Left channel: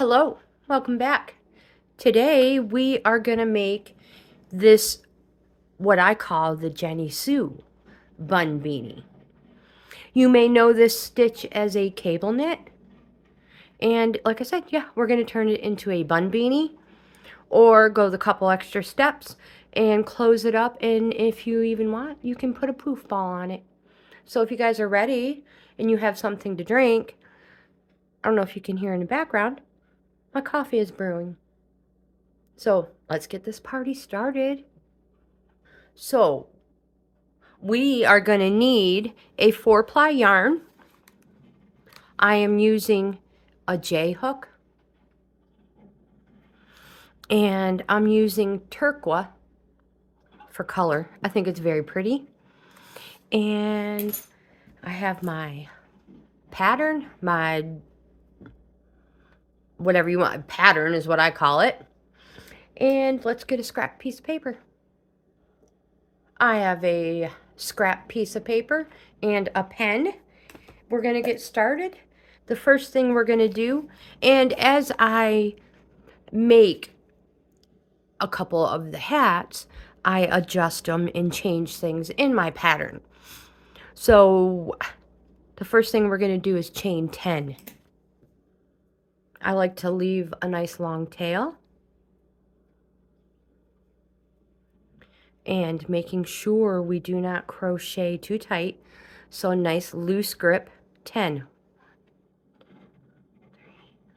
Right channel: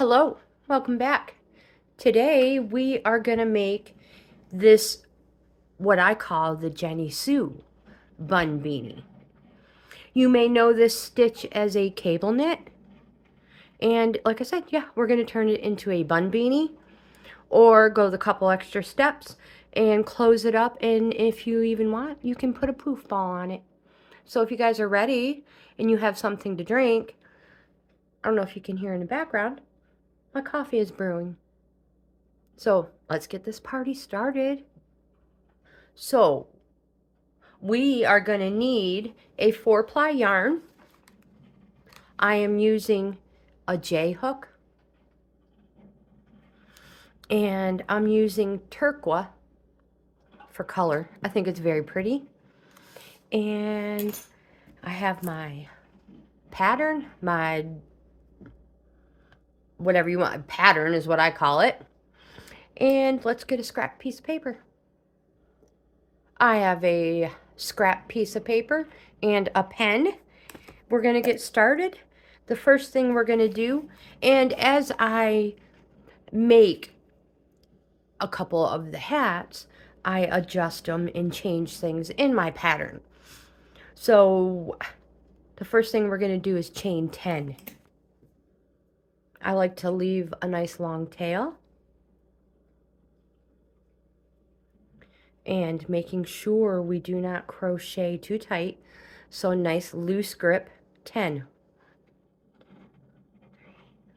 Hello, welcome back. Today we are going to make this, what I call the JENNYSUE Bun Beanie. You may know this stitch as a cable knit. And like I said, yeah, we're going to turn it into a bun beanie or go the couple extra steps and close it up. And if you even want, you can put a poof ball on it. So if you guys are ready and you have something to drink, I don't know if you can hear in the background, my coffee is brewing. So let's get this party started. So we are going to need a 4-ply yarn. I am using a J hook. And I'm using turquoise for color. I think it's very pretty. And I have my pattern, my whatever you want. Pattern is what I call it. And let's get a scrap piece of paper. I have a scrap piece of paper and a pen. We're going to get started. The first thing we're going to do, and as I make a couple of the hats, I adjust them and change things in my pattern. So the first thing we're going to do is chain 10. I like to leave a nice long tail. And making sure we do not crochet too tight. So a nice loose grip, 10.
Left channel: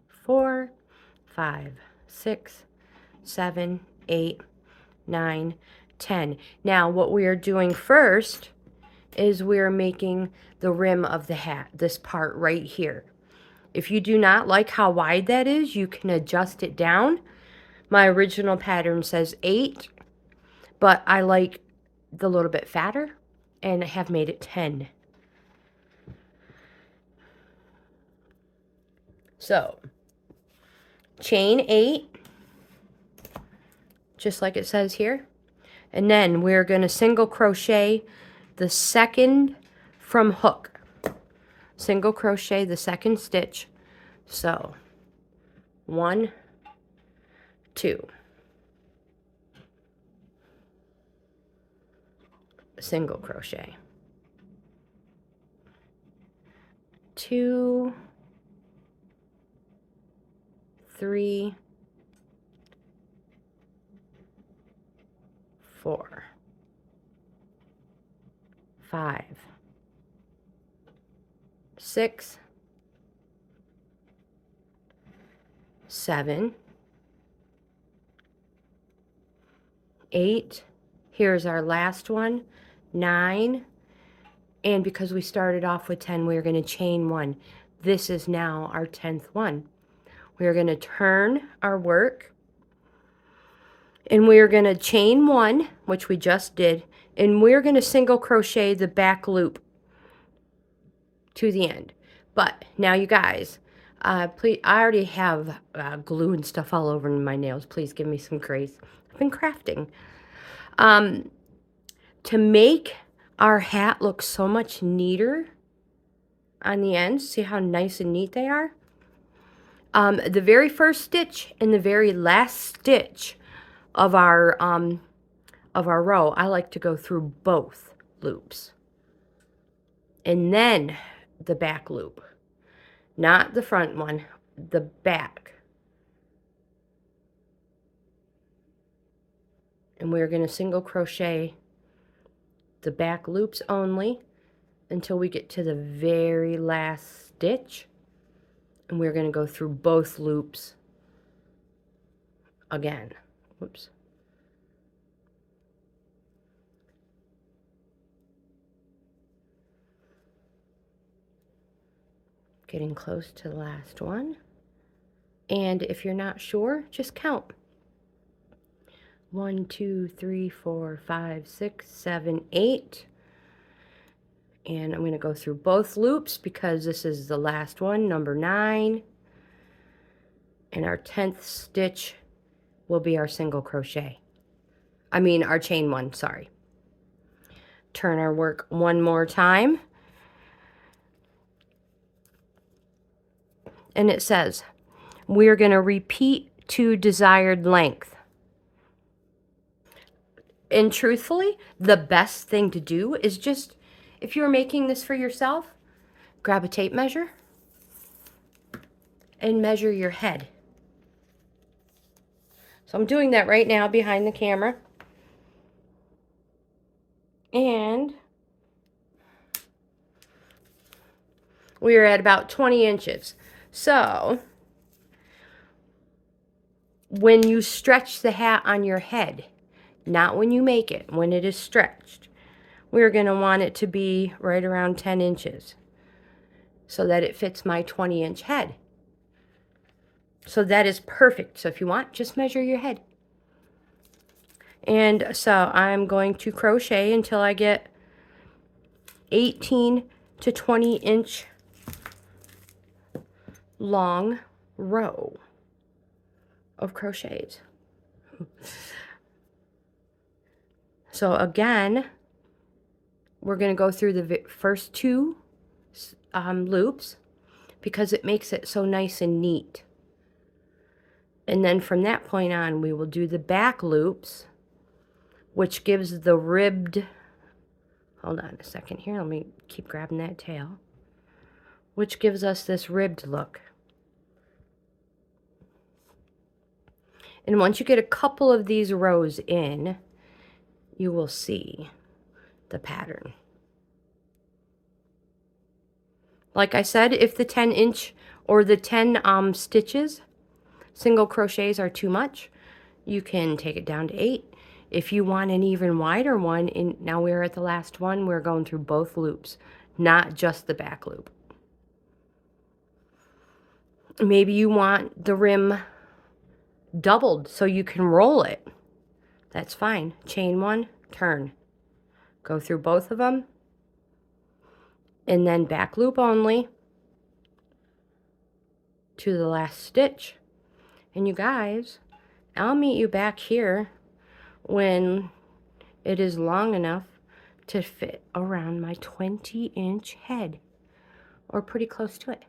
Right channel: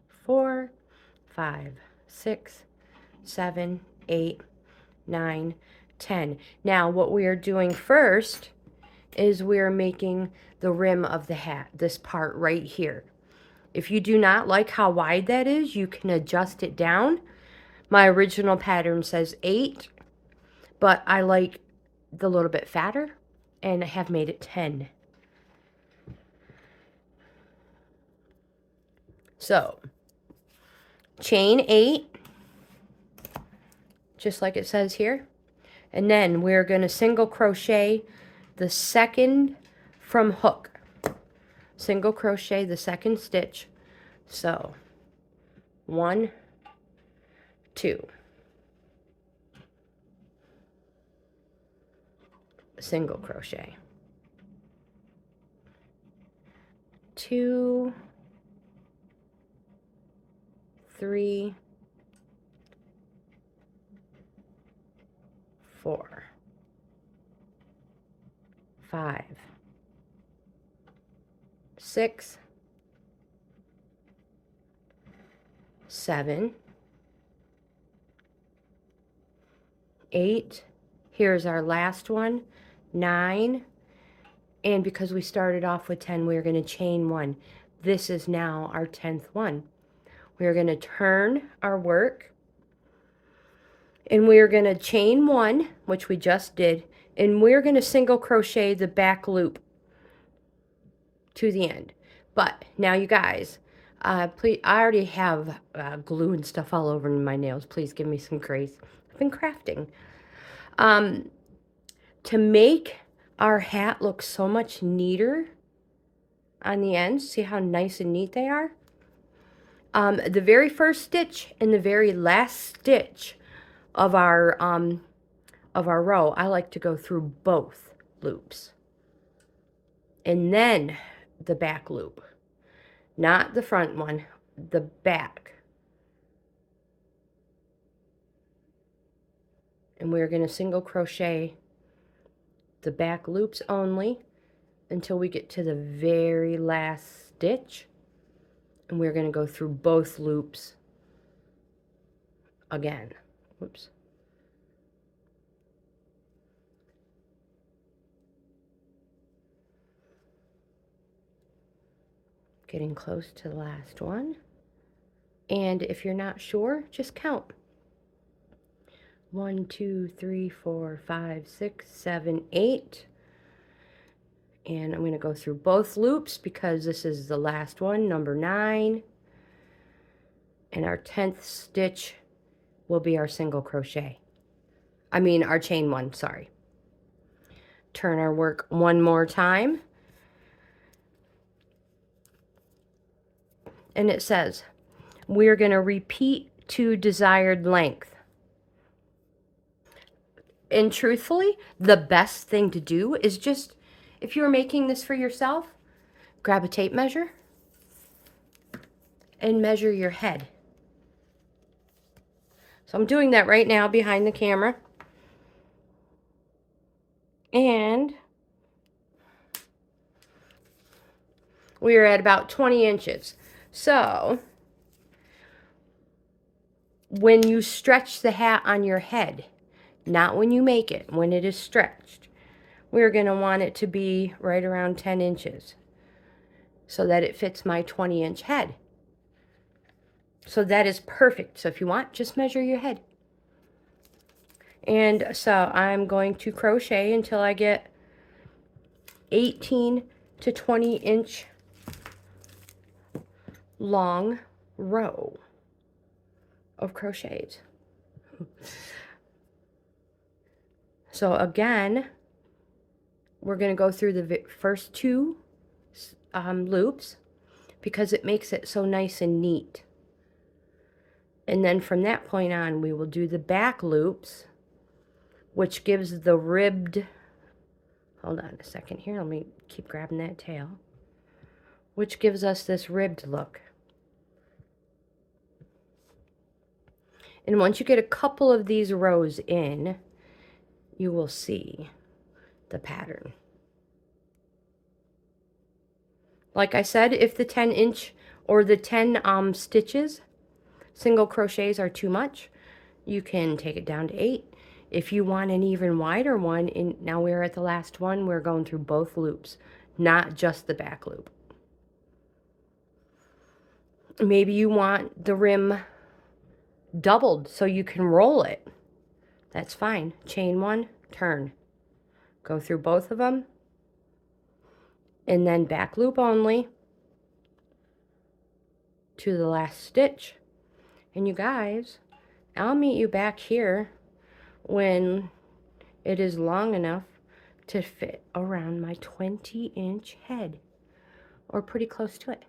4, 5, 6, 7, 8, 9, 10. Now what we are doing first is we are making the rim of the hat, this part right here. If you do not like how wide that is, you can adjust it down. My original pattern says 8, but I like the little bit fatter and I have made it 10. So chain 8, just like it says here. And then we're going to single crochet the second from hook. Single crochet the second stitch. So 1, 2. Single crochet. 2, 3, 4, 5, 6, 7, 8. Here's our last one, 9. And because we started off with 10, we're going to chain 1. This is now our 10th one. We're going to turn our work. And we're going to chain 1, which we just did. And we're going to single crochet the back loop to the end. But now you guys, please, I already have glue and stuff all over my nails. Please give me some grace. I've been crafting. To make our hat look so much neater on the ends, see how nice and neat they are? The very first stitch and the very last stitch of our row, I like to go through both loops. And then the back loop. Not the front one, the back. And we're going to single crochet the back loops only until we get to the very last stitch. And we're going to go through both loops again. Whoops. Getting close to the last one. And if you're not sure, just count. 1, 2, 3, 4, 5, 6, 7, 8. And I'm going to go through both loops because this is the last one, number 9. And our 10th stitch will be our single crochet. I mean our chain 1, sorry. Turn our work one more time. And it says, we're going to repeat to desired length. And truthfully, the best thing to do is just, if you're making this for yourself, grab a tape measure and measure your head. So I'm doing that right now behind the camera. And we're at about 20 inches. So when you stretch the hat on your head, not when you make it, when it is stretched, we're going to want it to be right around 10 inches so that it fits my 20-inch head. So that is perfect. So if you want, just measure your head. And so I'm going to crochet until I get 18 to 20 inch long row of crochets. So again, we're going to go through the first two loops because it makes it so nice and neat. And then from that point on, we will do the back loops, which gives the ribbed, hold on a second here, let me keep grabbing that tail, which gives us this ribbed look. And once you get a couple of these rows in, you will see the pattern. Like I said, if the 10-inch or the 10 stitches, single crochets are too much, you can take it down to 8. If you want an even wider one, now we're at the last one, we're going through both loops, not just the back loop. Maybe you want the rim doubled so you can roll it. That's fine. Chain 1, turn. Go through both of them, and then back loop only to the last stitch. And you guys, I'll meet you back here when it is long enough to fit around my 20-inch head, or pretty close to it.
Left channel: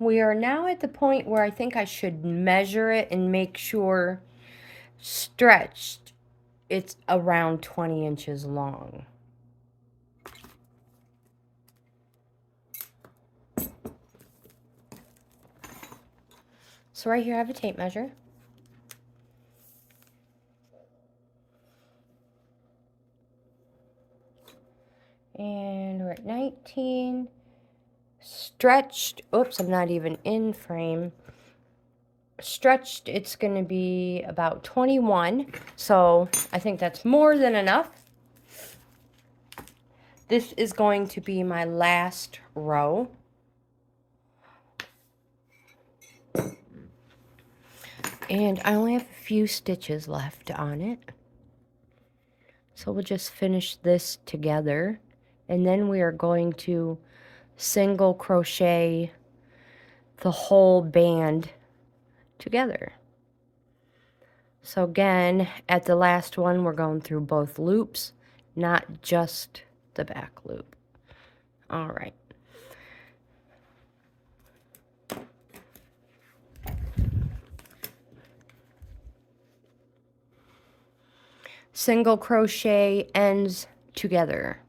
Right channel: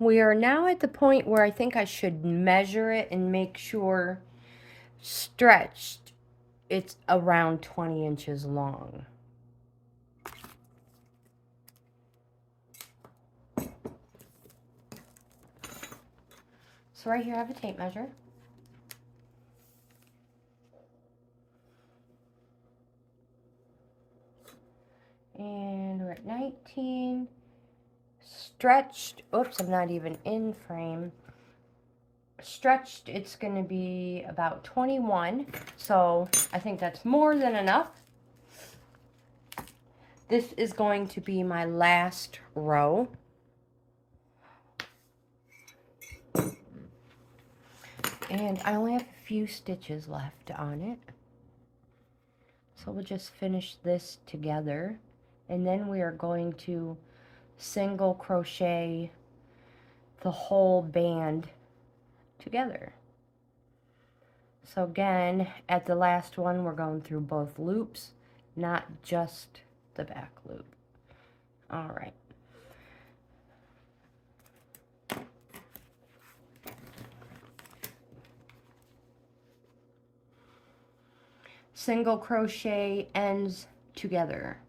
We are now at the point where I think I should measure it and make sure stretched it's around 20 inches long. So right here I have a tape measure. And we're at 19. Stretched, oops, I'm not even in frame. Stretched, it's going to be about 21. So I think that's more than enough. This is going to be my last row. And I only have a few stitches left on it. So we'll just finish this together. And then we are going to single crochet the whole band together. So again, at the last one, we're going through both loops, not just the back loop. All right. Single crochet ends together.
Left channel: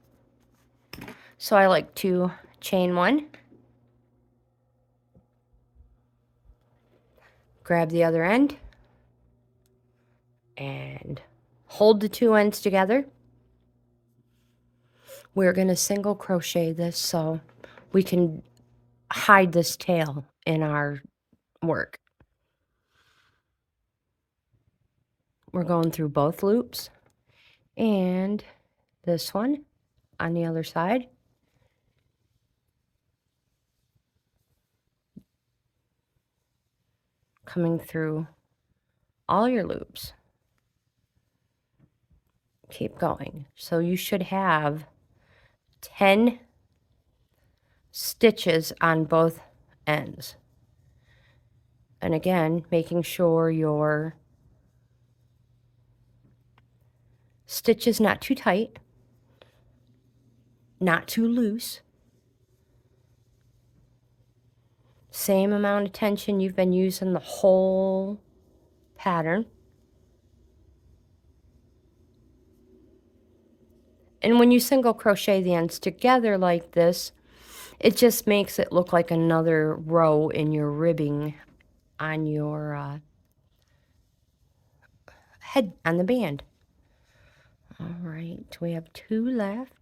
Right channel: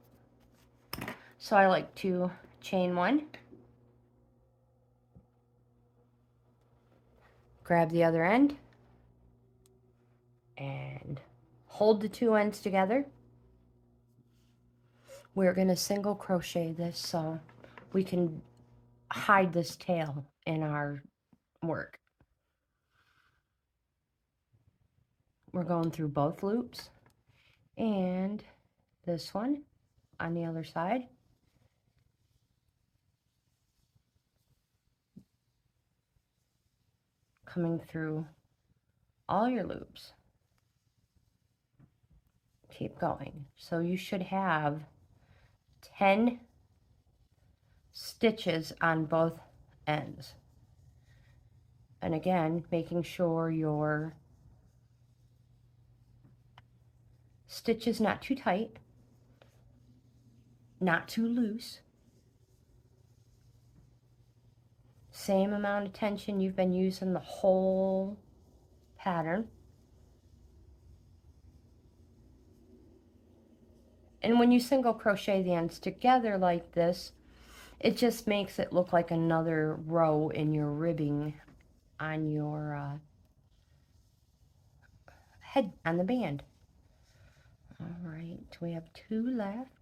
So I like to chain 1, grab the other end, and hold the 2 ends together. We're going to single crochet this so we can hide this tail in our work. We're going through both loops, and this one on the other side. Coming through all your loops. Keep going. So you should have 10 stitches on both ends. And again, making sure your stitch is not too tight, not too loose. Same amount of tension you've been using the whole pattern. And when you single crochet the ends together like this, it just makes it look like another row in your ribbing on your head, on the band. All right, we have 2 left.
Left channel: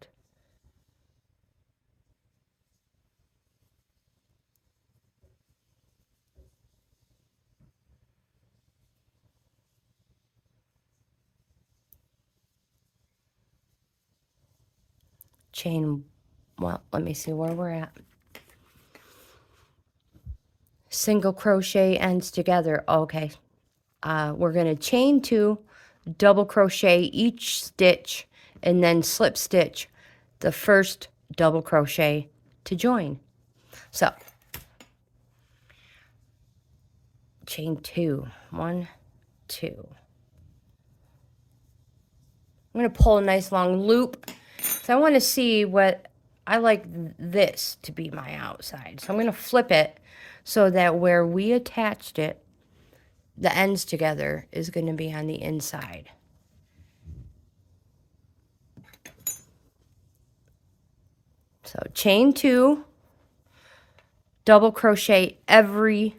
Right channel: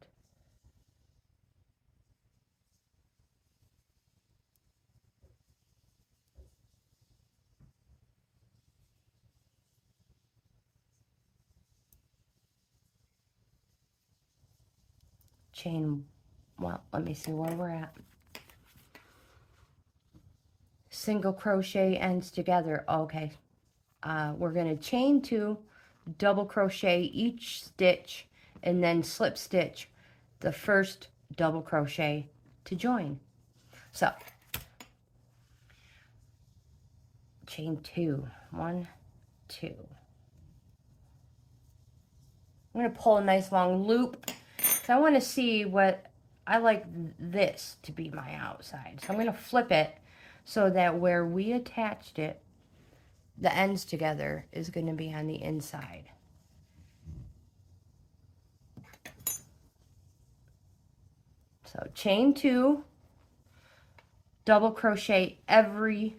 Chain, well, let me see where we're at. Single crochet ends together. Okay, we're going to chain 2, double crochet each stitch, and then slip stitch the first double crochet to join. So chain 2, 1, 2. I'm going to pull a nice long loop because I want to see what I like this to be my outside. So I'm going to flip it so that where we attached it, the ends together, is going to be on the inside. So chain 2, double crochet every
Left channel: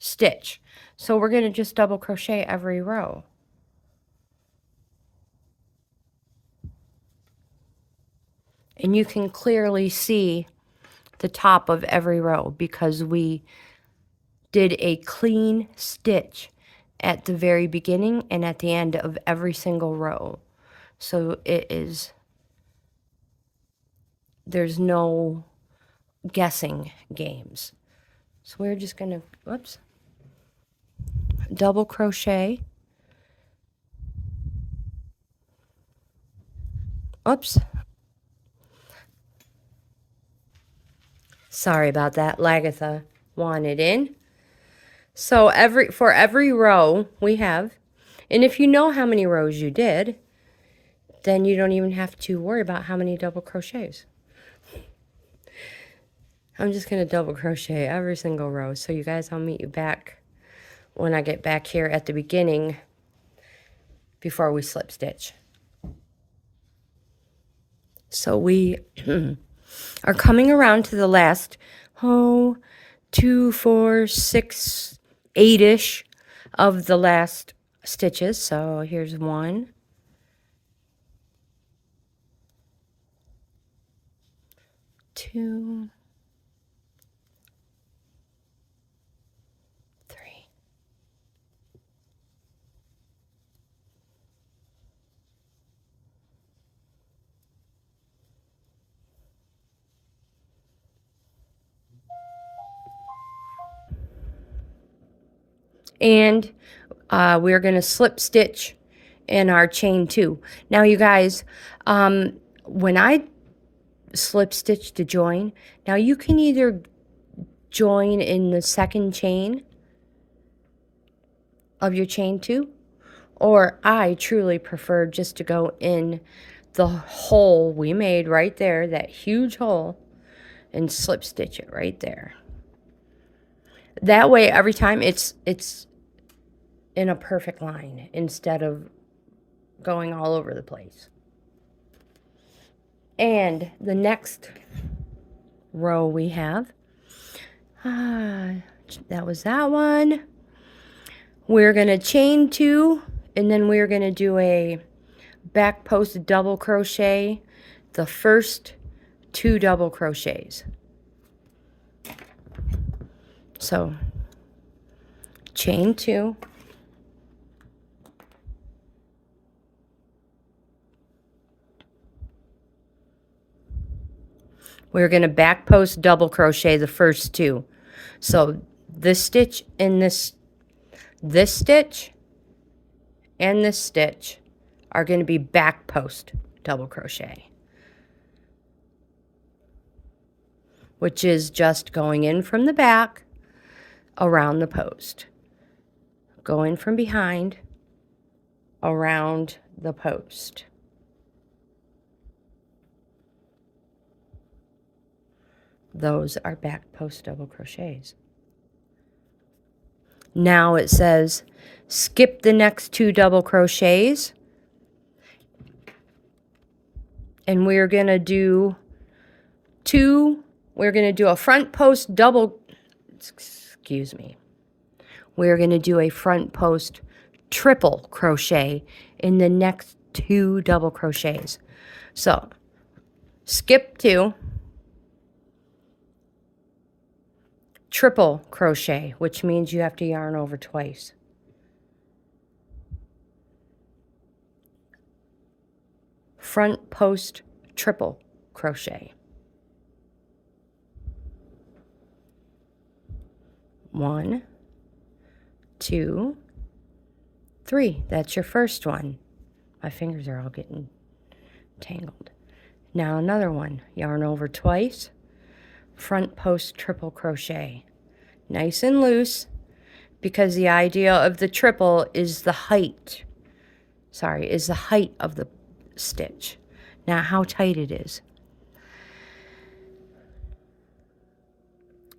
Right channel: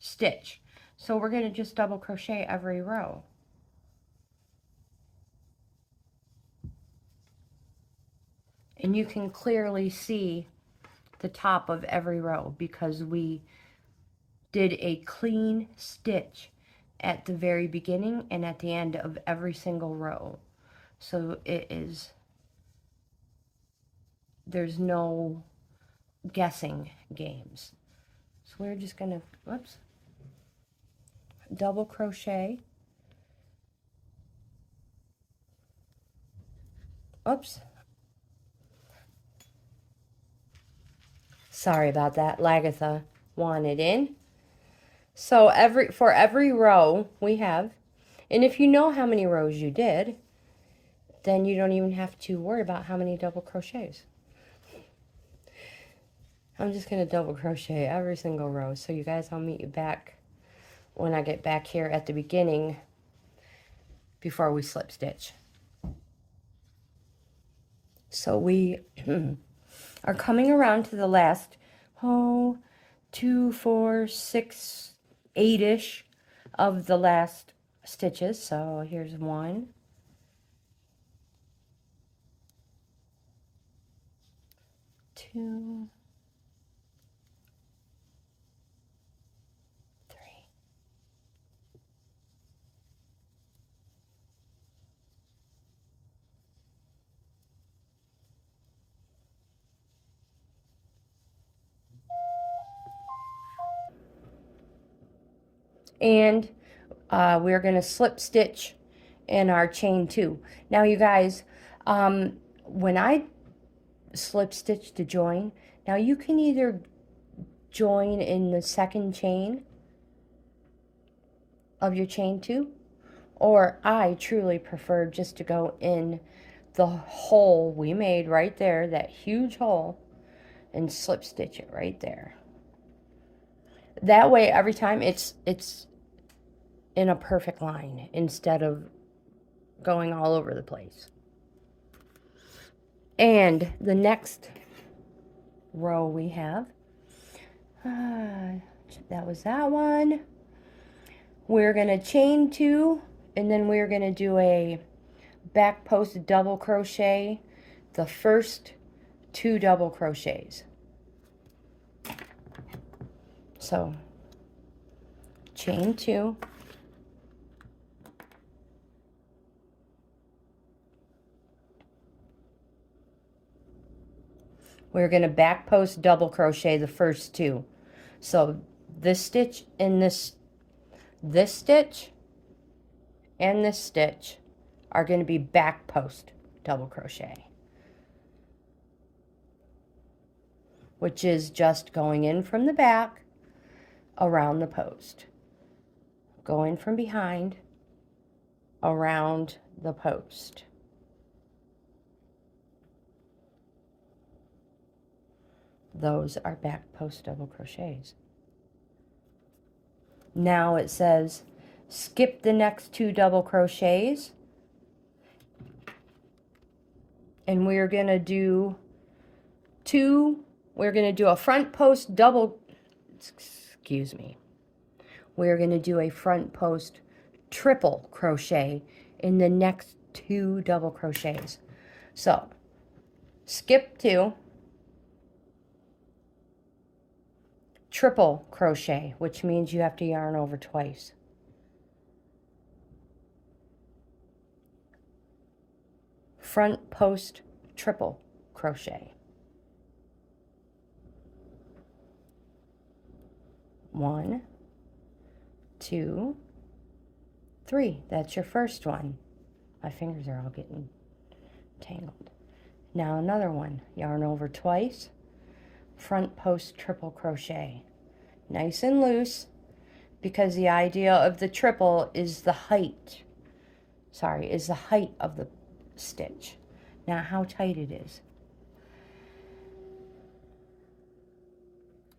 stitch. So we're going to just double crochet every row. And you can clearly see the top of every row because we did a clean stitch at the very beginning and at the end of every single row. So there's no guessing games. So we're just gonna, whoops, double crochet. Oops. Sorry about that. Lagatha wanted in. So for every row we have, and if you know how many rows you did, then you don't even have to worry about how many double crochets. I'm just going to double crochet every single row. So you guys, I'll meet you back when I get back here at the beginning before we slip stitch. So we are coming around to the last, 2, 4, 6, 8-ish of the last stitches. So here's 1, 2, 3. And we're going to slip stitch in our chain 2. Now you guys, when I slip stitch to join, now you can either join in the second chain of your chain 2, or I truly prefer just to go in the hole we made right there, that huge hole, and slip stitch it right there. That way every time it's in a perfect line instead of going all over the place. And the next row we have, that was that one. We're going to chain 2, and then we're going to do a back post double crochet the first 2 double crochets. So chain 2, we're going to back post double crochet the first 2. So this stitch and this stitch and this stitch are going to be back post double crochet, which is just going in from the back around the post, going from behind around the post. Those are back post double crochets. Now it says skip the next 2 double crochets, and we're going to do we're going to do a front post double, excuse me, we're going to do a front post triple crochet in the next 2 double crochets. So skip 2, triple crochet, which means you have to yarn over twice. Front post triple crochet. 1, 2, 3. That's your first one. My fingers are all getting tangled. Now another one. Yarn over twice. Front post triple crochet. Nice and loose, because the idea of the triple is the height. Is the height of the stitch, not how tight it is.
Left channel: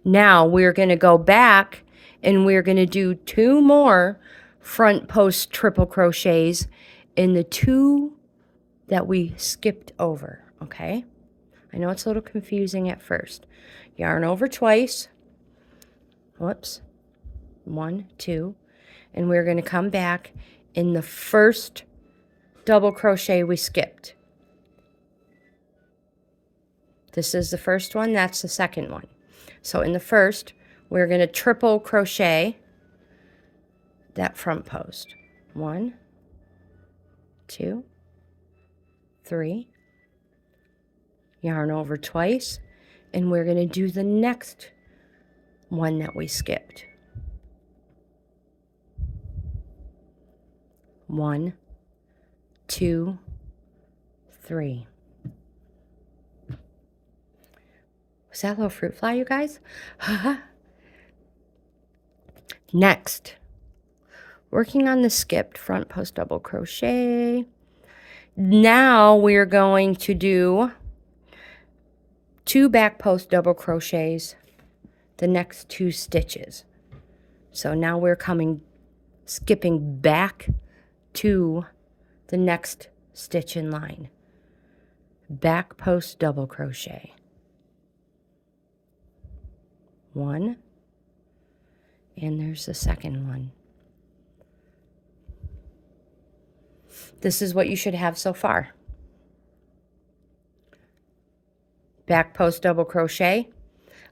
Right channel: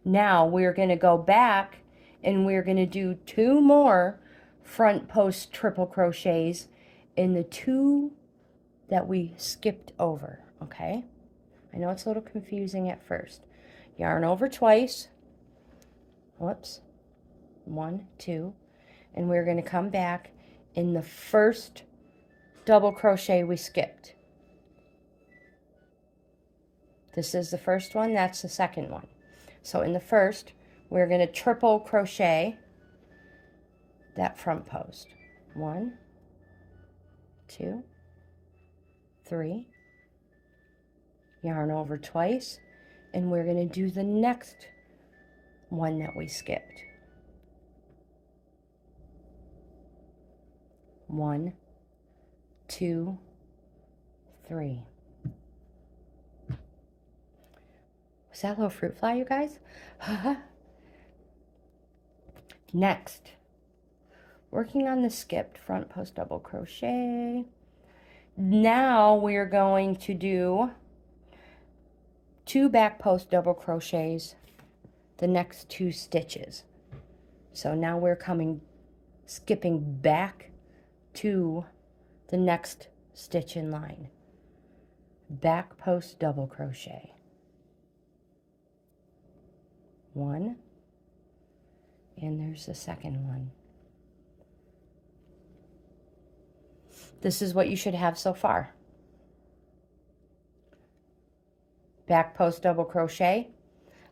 Now we're going to go back and we're going to do 2 more front post triple crochets in the 2 that we skipped over, okay? I know it's a little confusing at first. Yarn over twice. Whoops. 1, 2. And we're going to come back in the first double crochet we skipped. This is the first one, that's the second one. So in the first, we're going to triple crochet that front post. 1, 2, 3. Yarn over twice, and we're going to do the next one that we skipped. 1, 2, 3. Was that a little fruit fly, you guys? Next, working on the skipped front post double crochet. Now we're going to do 2 back post double crochets the next 2 stitches. So now we're skipping back to the next stitch in line. Back post double crochet. 1, and there's the second one. This is what you should have so far. Back post double crochet,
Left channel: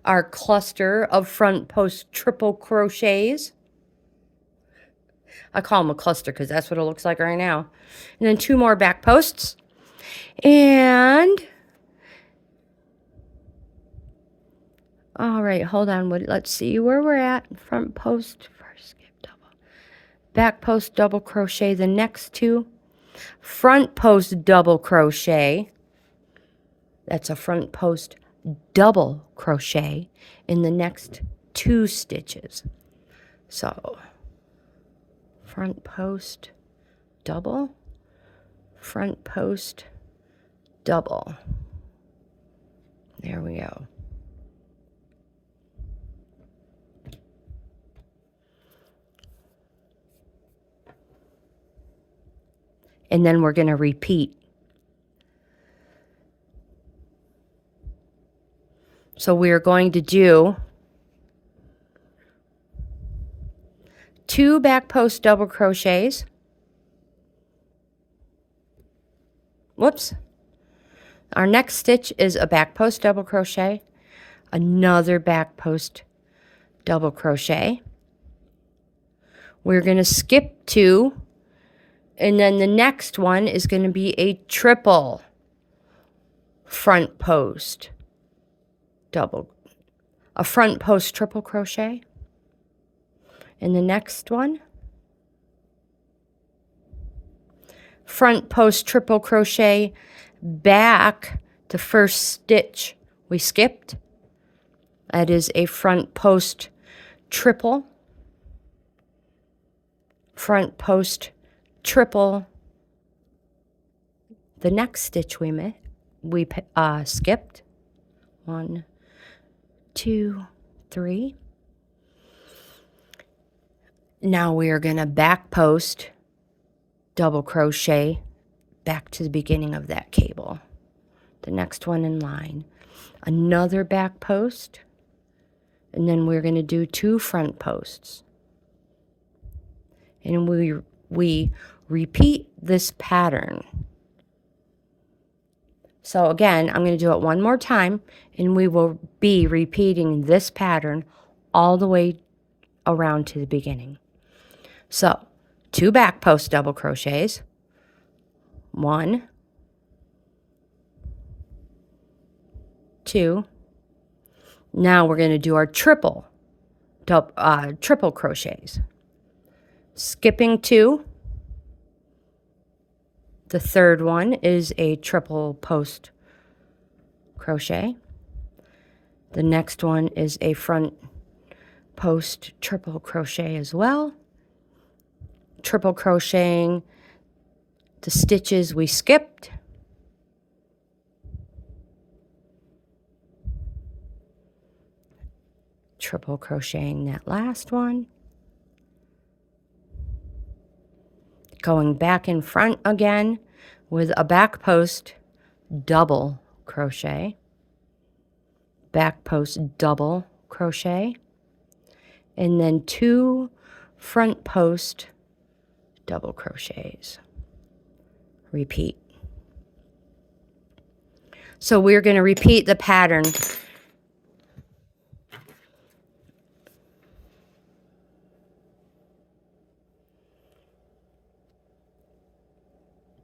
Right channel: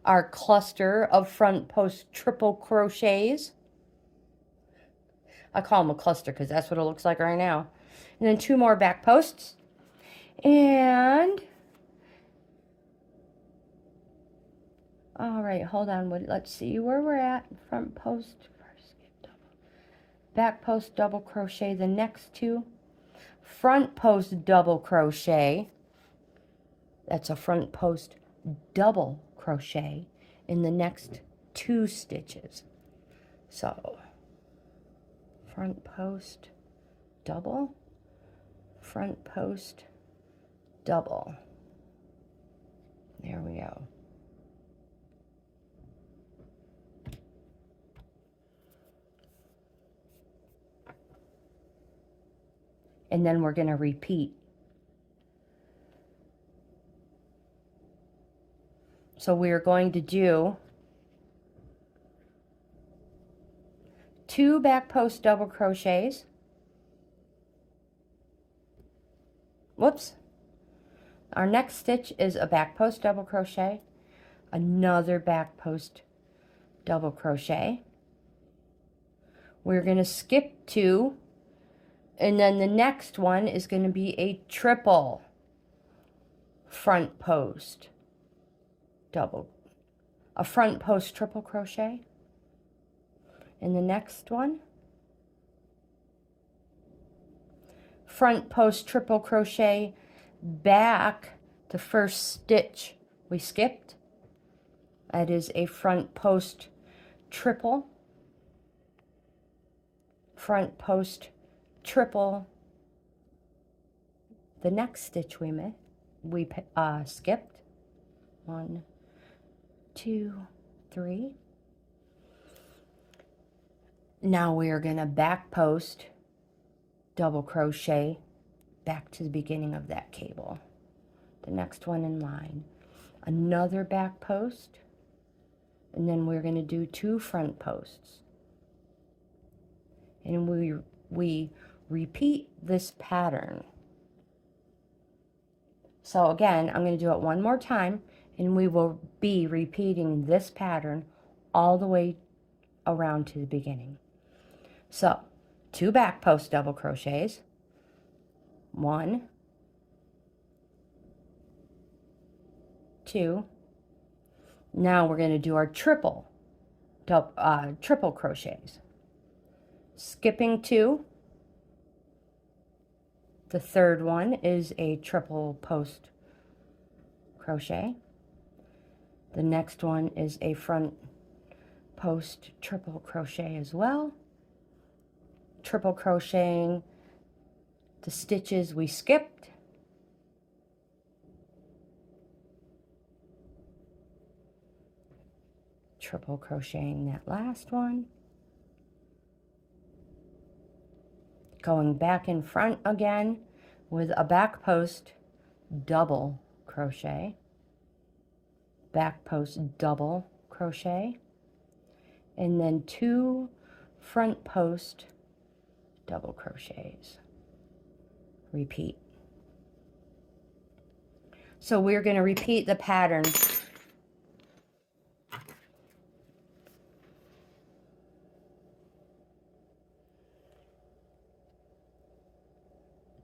our cluster of front post triple crochets. I call them a cluster because that's what it looks like right now. And then 2 more back posts. And all right, hold on. Let's see where we're at. Front post, first skip double. Back post double crochet the next 2. Front post double crochet. That's a front post double crochet in the next 2 stitches. So front post double, front post double. There we go. And then we're going to repeat. So we're going to do 2 back post double crochets. Whoops. Our next stitch is a back post double crochet, another back post double crochet. We're going to skip 2, and then the next one is going to be a triple front post a front post triple crochet. And the next one, front post triple crochet back the first stitch we skipped. That is a front post triple, front post triple the next stitch we skipped. 1, 2, 3. Now we are going to back post, double crochet back to the beginning of that cable. The next one in line. Another back post, and then we're going to do 2 front posts. And we repeat this pattern. So again, I'm going to do it one more time, and we will be repeating this pattern all the way around to the beginning. So 2 back post double crochets, 1, 2. Now we're going to do our triple crochets. Skipping 2. The third one is a triple post crochet. The next one is a front post triple crochet as well. Triple crocheting the stitches we skipped. Triple crocheting that last one. Going back in front again with a back post double crochet. Back post double crochet. And then 2 front post double crochets. Repeat. So we're going to repeat the pattern.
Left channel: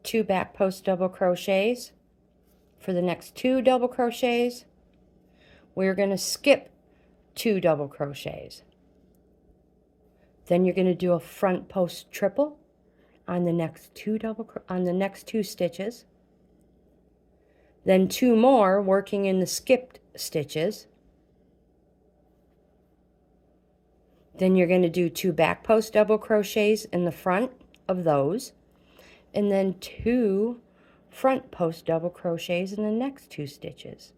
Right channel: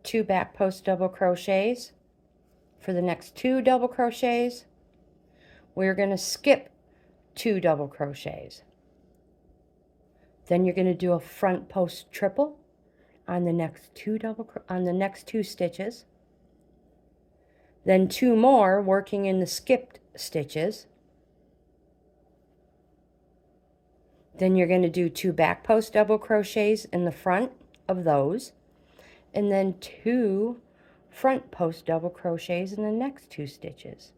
Two back post double crochets. For the next 2 double crochets, we're going to skip 2 double crochets. Then you're going to do a front post triple on the next 2 stitches. Then 2 more working in the skipped stitches. Then you're going to do 2 back post double crochets in the front of those, and then 2 front post double crochets in the next 2 stitches,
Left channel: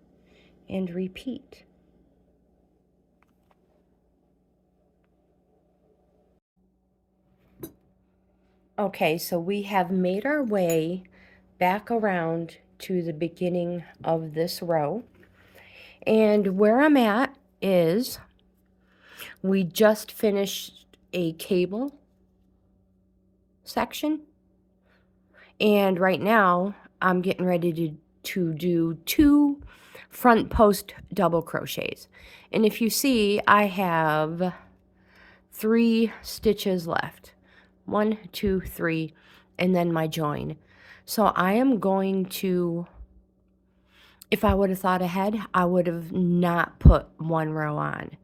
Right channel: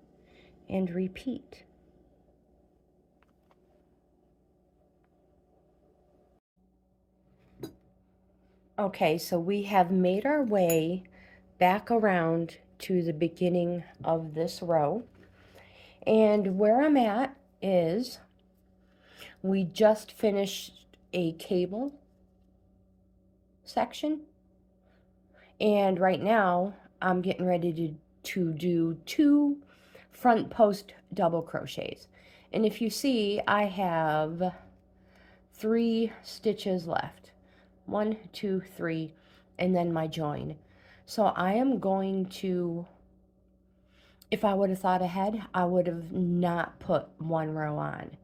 and repeat. Okay, so we have made our way back around to the beginning of this row, and where I'm at is we just finished a cable section, and right now I'm getting ready to do 2 front post double crochets. And if you see, I have 3 stitches left. 1, 2, 3, and then my join. So I am going to, if I would have thought ahead, I would have not put 1 row on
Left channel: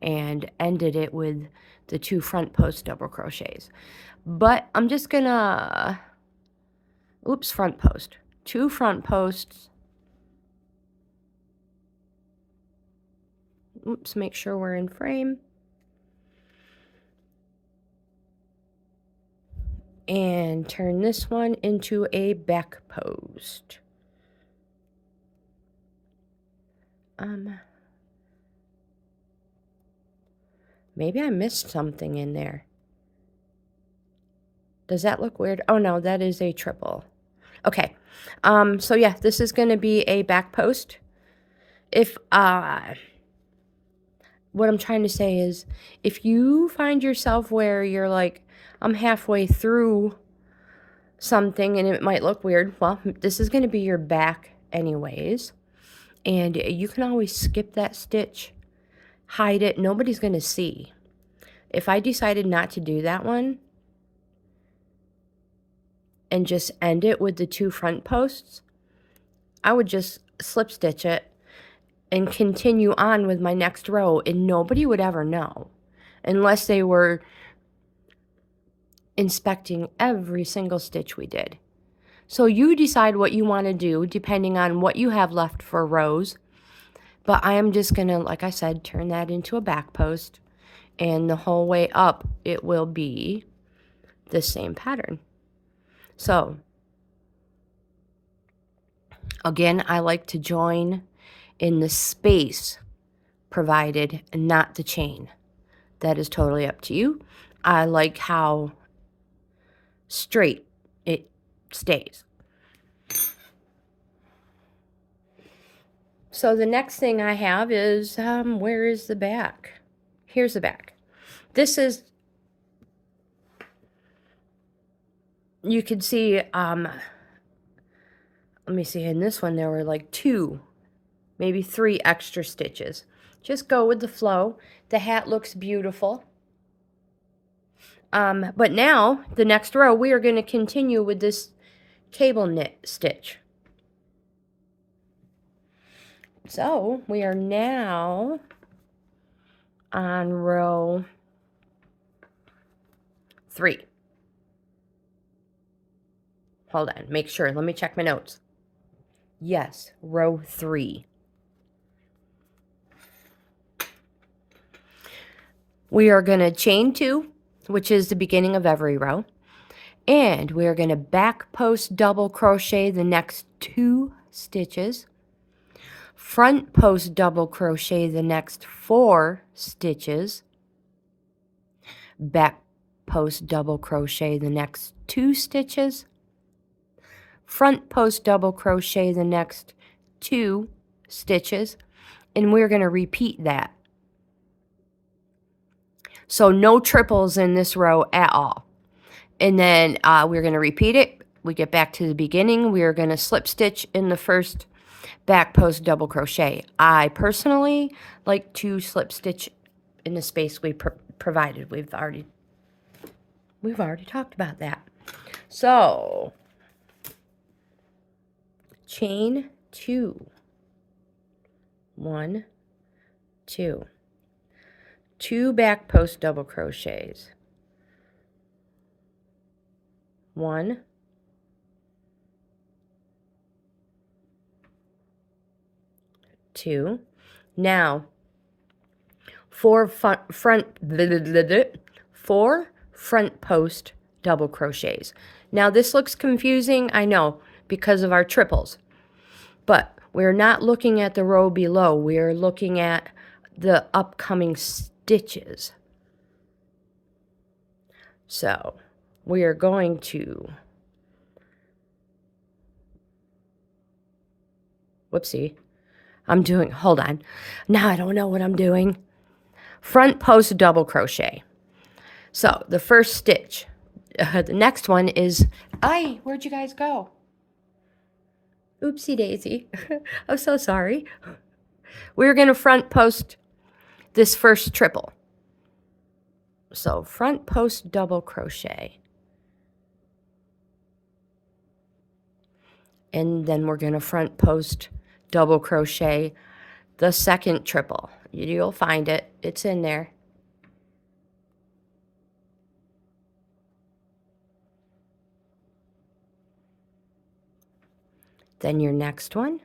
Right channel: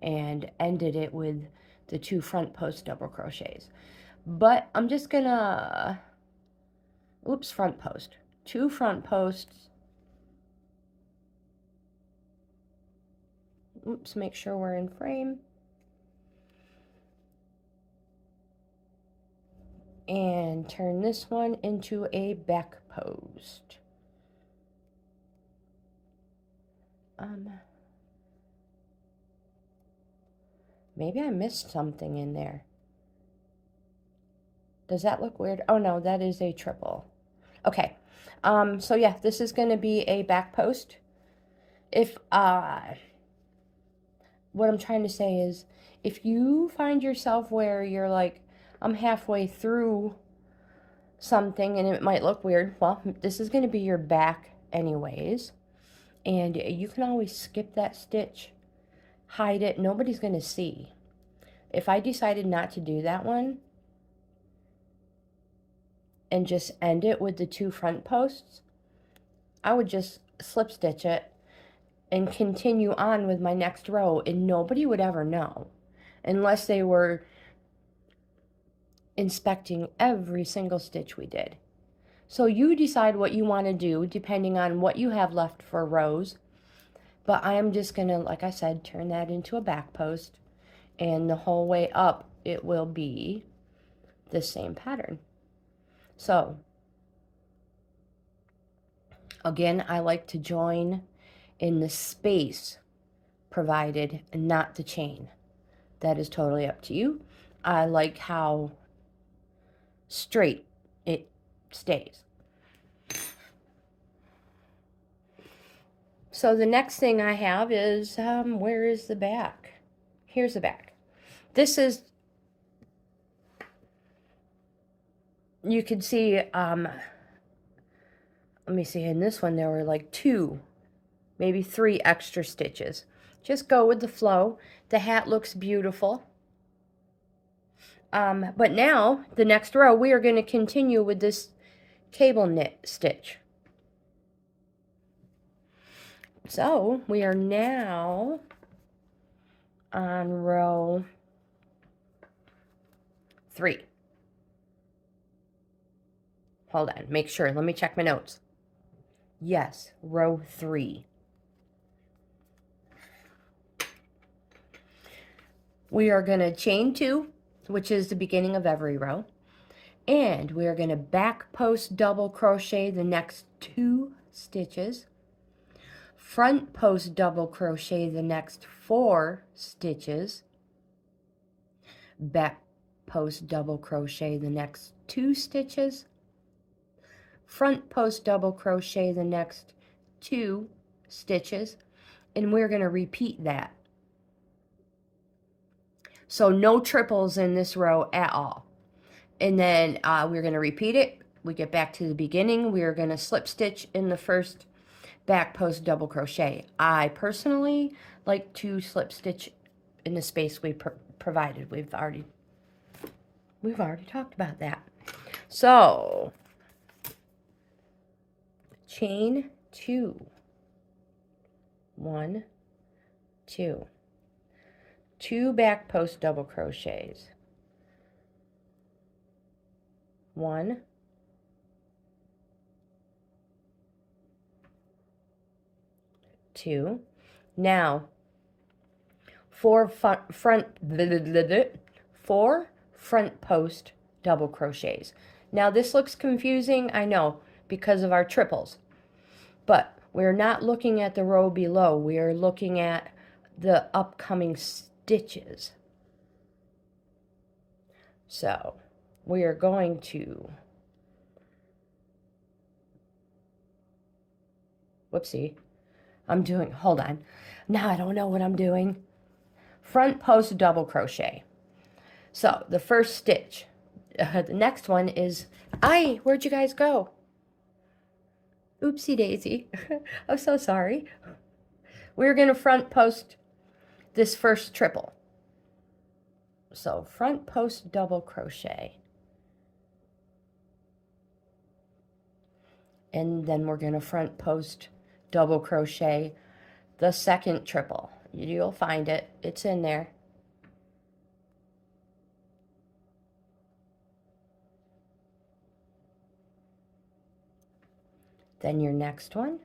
and ended it with the 2 front post double crochets. But I'm just gonna, front post. 2 front posts. Make sure we're in frame. And turn this one into a back post. Maybe I missed something in there. Does that look weird? Oh no, that is a triple. Okay. So yeah, this is going to be a back post. If what I'm trying to say is, if you find yourself where you're like, I'm halfway through something and it might look weird, well, this is going to be your back anyways. And you can always skip that stitch, hide it, nobody's going to see. If I decided not to do that one and just end it with the 2 front posts, I would just slip stitch it and continue on with my next row, and nobody would ever know unless they were inspecting every single stitch we did. So you decide what you want to do depending on what you have left for rows. But I am just going to, like I said, turn that into a back post, and the whole way up it will be the same pattern. So again, I like to join in the space provided and not the chain. That is totally up to you. I like how straight it stays. So the next thing I have is, where is the back? Here's the back. This is, you can see, let me see, in this one there were like 2, maybe 3 extra stitches. Just go with the flow. The hat looks beautiful. But now, the next row, we are going to continue with this cable knit stitch. So, we are now on row 3. Hold on, make sure. Let me check my notes. Yes, row 3. We are going to chain 2, which is the beginning of every row. And we are going to back post double crochet the next 2 stitches. Front post double crochet the next 4 stitches. Back post double crochet the next 2 stitches. Front post double crochet the next 2 stitches, and we're going to repeat that. So no triples in this row at all. And then we're going to repeat it. We get back to the beginning. We are going to slip stitch in the first back post double crochet. I personally like to slip stitch in the space we provided. We've already talked about that. So chain 2, 1, 2, 2 back post double crochets, 1, 2. Now 4 front post double crochets. Now this looks confusing, I know, because of our triples, but we're not looking at the row below. We are looking at the upcoming stitches. So we are going to, whoopsie, hold on, now I don't know what I'm doing. Front post double crochet. So the first stitch, the next one is, where'd you guys go? Oopsie daisy. I'm so sorry. We're going to front post this first triple. So front post double crochet. And then we're going to front post double crochet the second triple. You'll find it. It's in there. Then your next one.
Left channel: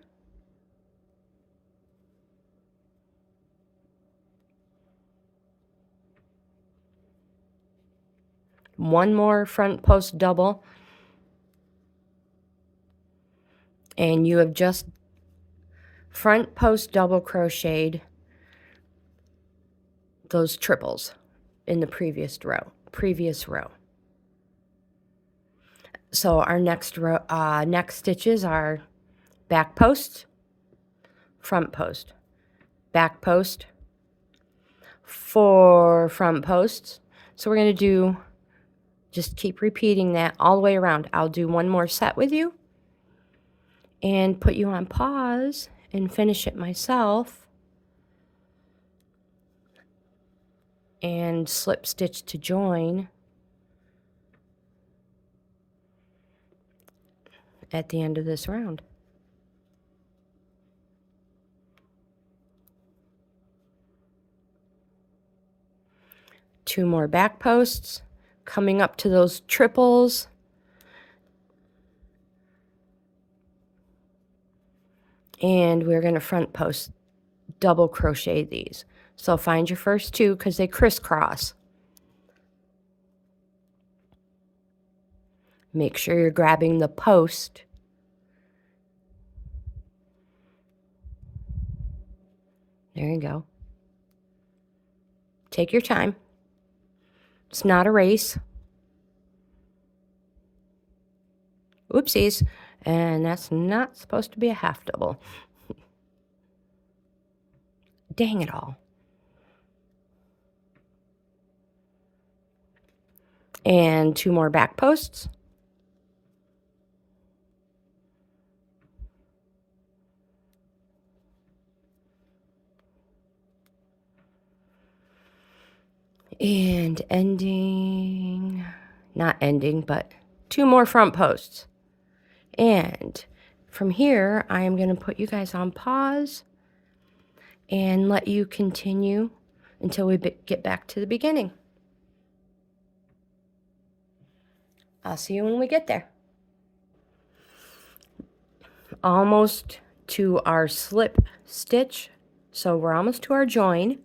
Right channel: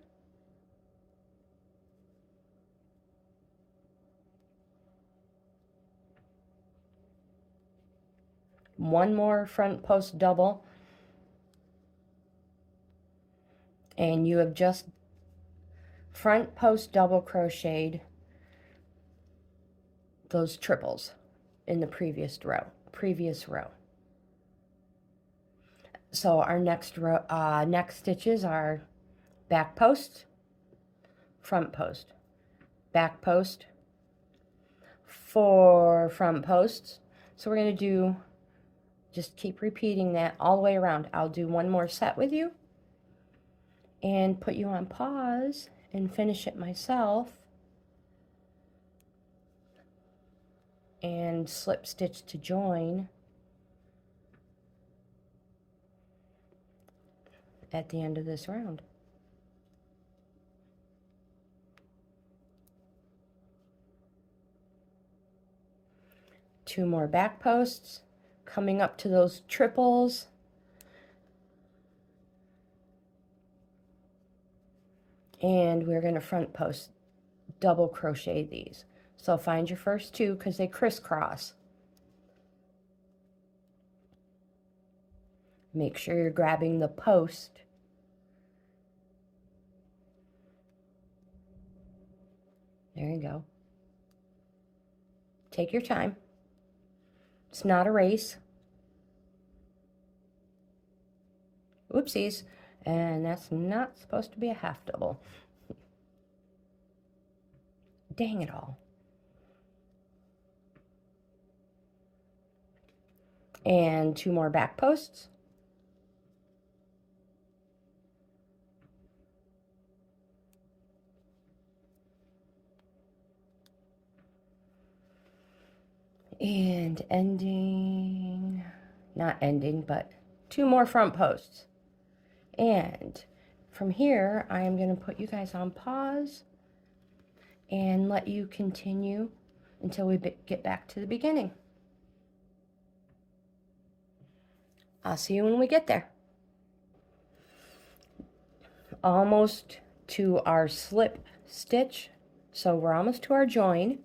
One more front post double. And you have just front post double crocheted those triples in the previous row. So our next row, next stitches are back post, front post, back post, 4 front posts. So we're going to do, just keep repeating that all the way around. I'll do one more set with you and put you on pause and finish it myself and slip stitch to join at the end of this round. Two more back posts, coming up to those triples. And we're going to front post double crochet these. So find your first 2 because they crisscross. Make sure you're grabbing the post. There you go. Take your time. It's not a race. Oopsies. And that's not supposed to be a half double. Dang it all. And 2 more back posts. And ending, not ending, but 2 more front posts. And from here, I am going to put you guys on pause and let you continue until we get back to the beginning. I'll see you when we get there. Almost to our slip stitch, so we're almost to our join.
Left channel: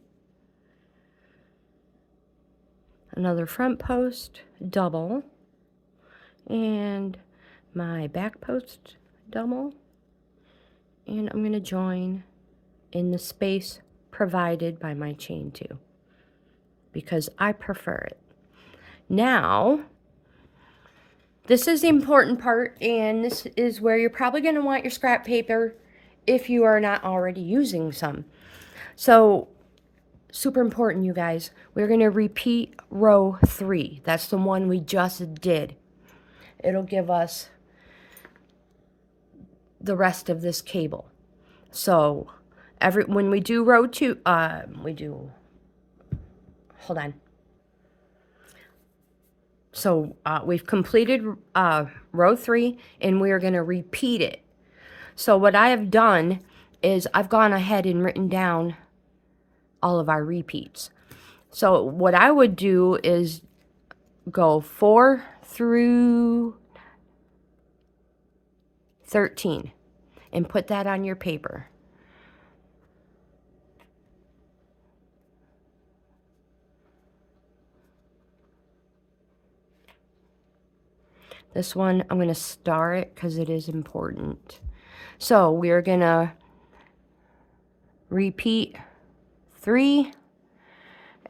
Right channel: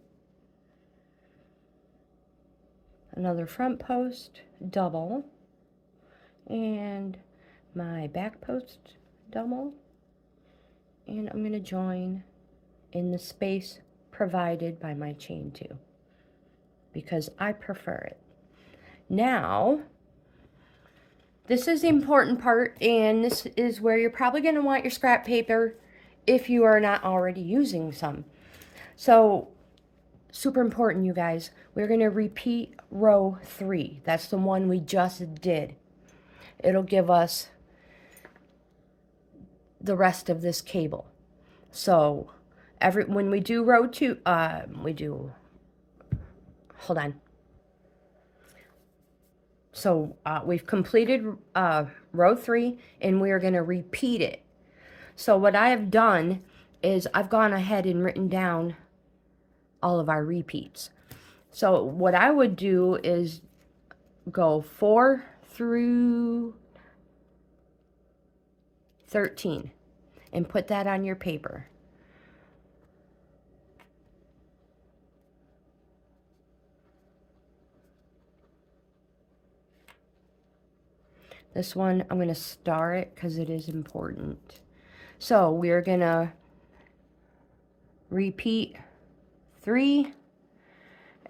Another front post double, and my back post double, and I'm going to join in the space provided by my chain 2 because I prefer it. Now, this is the important part, and this is where you're probably going to want your scrap paper if you are not already using some. So, super important, you guys. We're going to repeat row 3. That's the one we just did. It'll give us the rest of this cable. So, when we do row 2, hold on. So, we've completed row 3, and we are going to repeat it. So, what I have done is I've gone ahead and written down all of our repeats. So what I would do is go 4 through 13 and put that on your paper. This one, I'm going to star it because it is important. So we're going to repeat 3,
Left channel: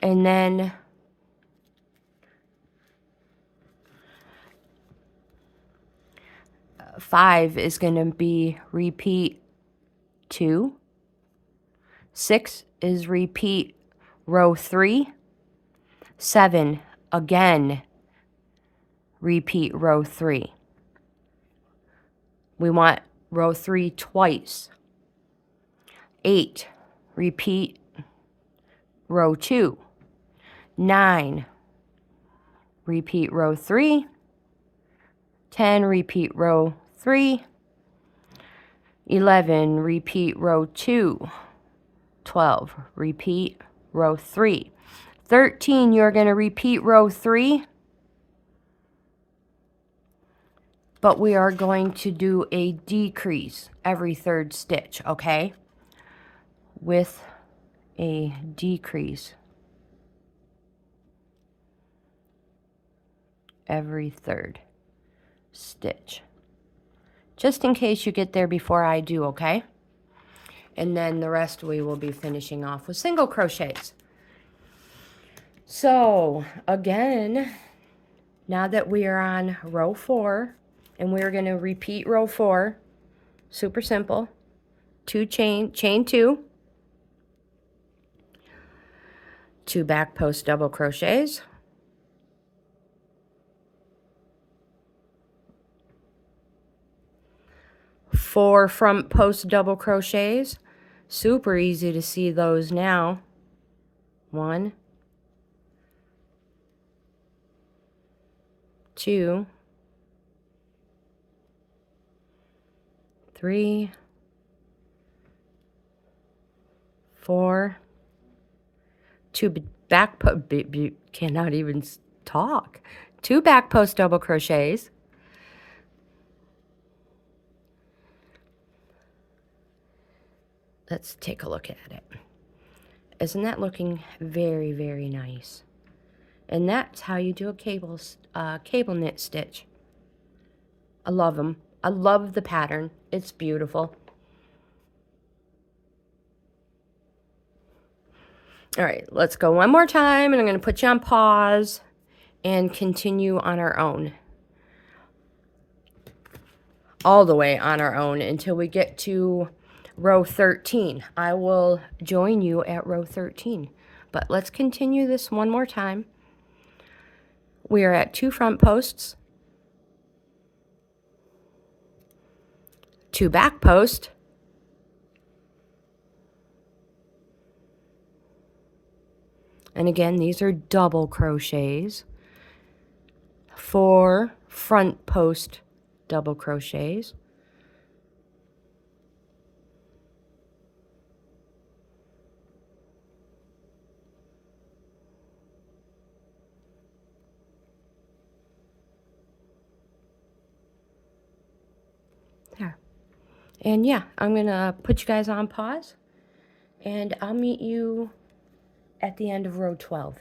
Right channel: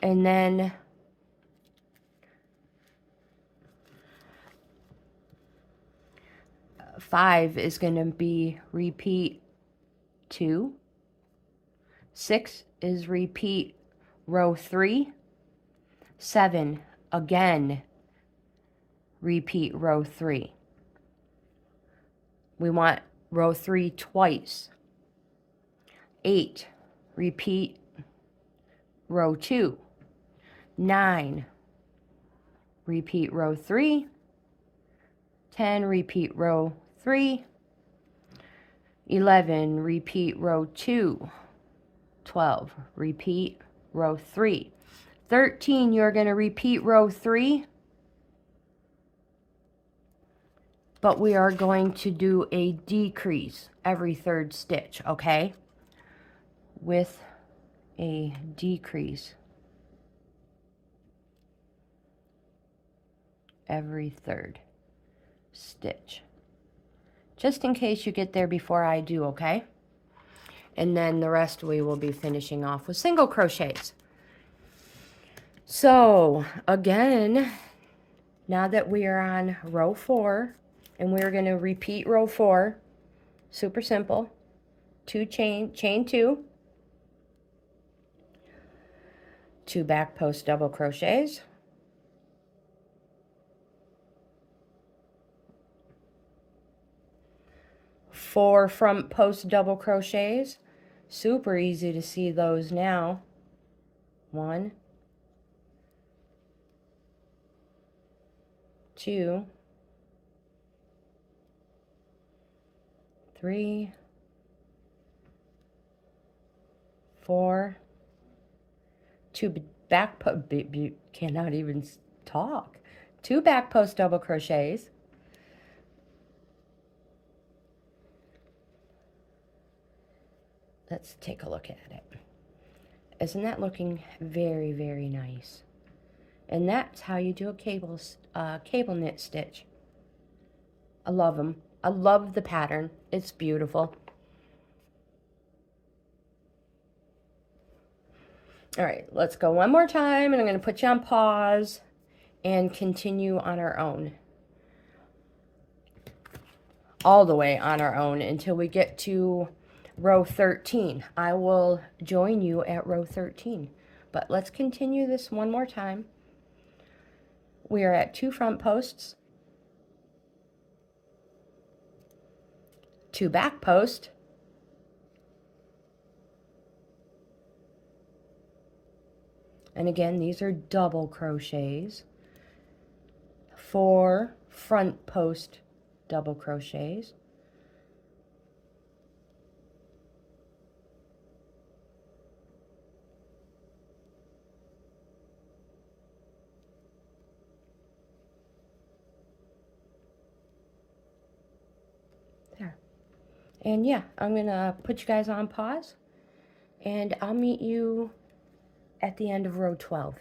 and then 5 is going to be repeat 2. 6 is repeat row 3. 7, again, repeat row 3. We want row 3 twice. 8, repeat row 2. 9, repeat row 3. 10, repeat row 3. 11, repeat row 2. 12, repeat row 3. 13, you're going to repeat row 3. But we are going to do a decrease every 3rd stitch, okay? With a decrease every 3rd stitch. Just in case you get there before I do, okay? And then the rest we will be finishing off with single crochets. So, again, now that we are on row 4, and we're going to repeat row 4, super simple, 2 chain 2, 2 back post double crochets, 4 front post double crochets. Super easy to see those now. 1, 2, 3, 4, 2 back post, cannot even talk. 2 back post double crochets. Let's take a look at it. Isn't that looking very, very nice? And that's how you do a cable knit stitch. I love them. I love the pattern. It's beautiful. All right, let's go one more time, and I'm going to put you on pause and continue on our own. All the way on our own until we get to row 13. I will join you at row 13. But let's continue this one more time. We are at 2 front posts, 2 back posts, and again, these are double crochets, 4 front post double crochets, there. And yeah, I'm gonna put you guys on pause, and I'll meet you at the end of row 12.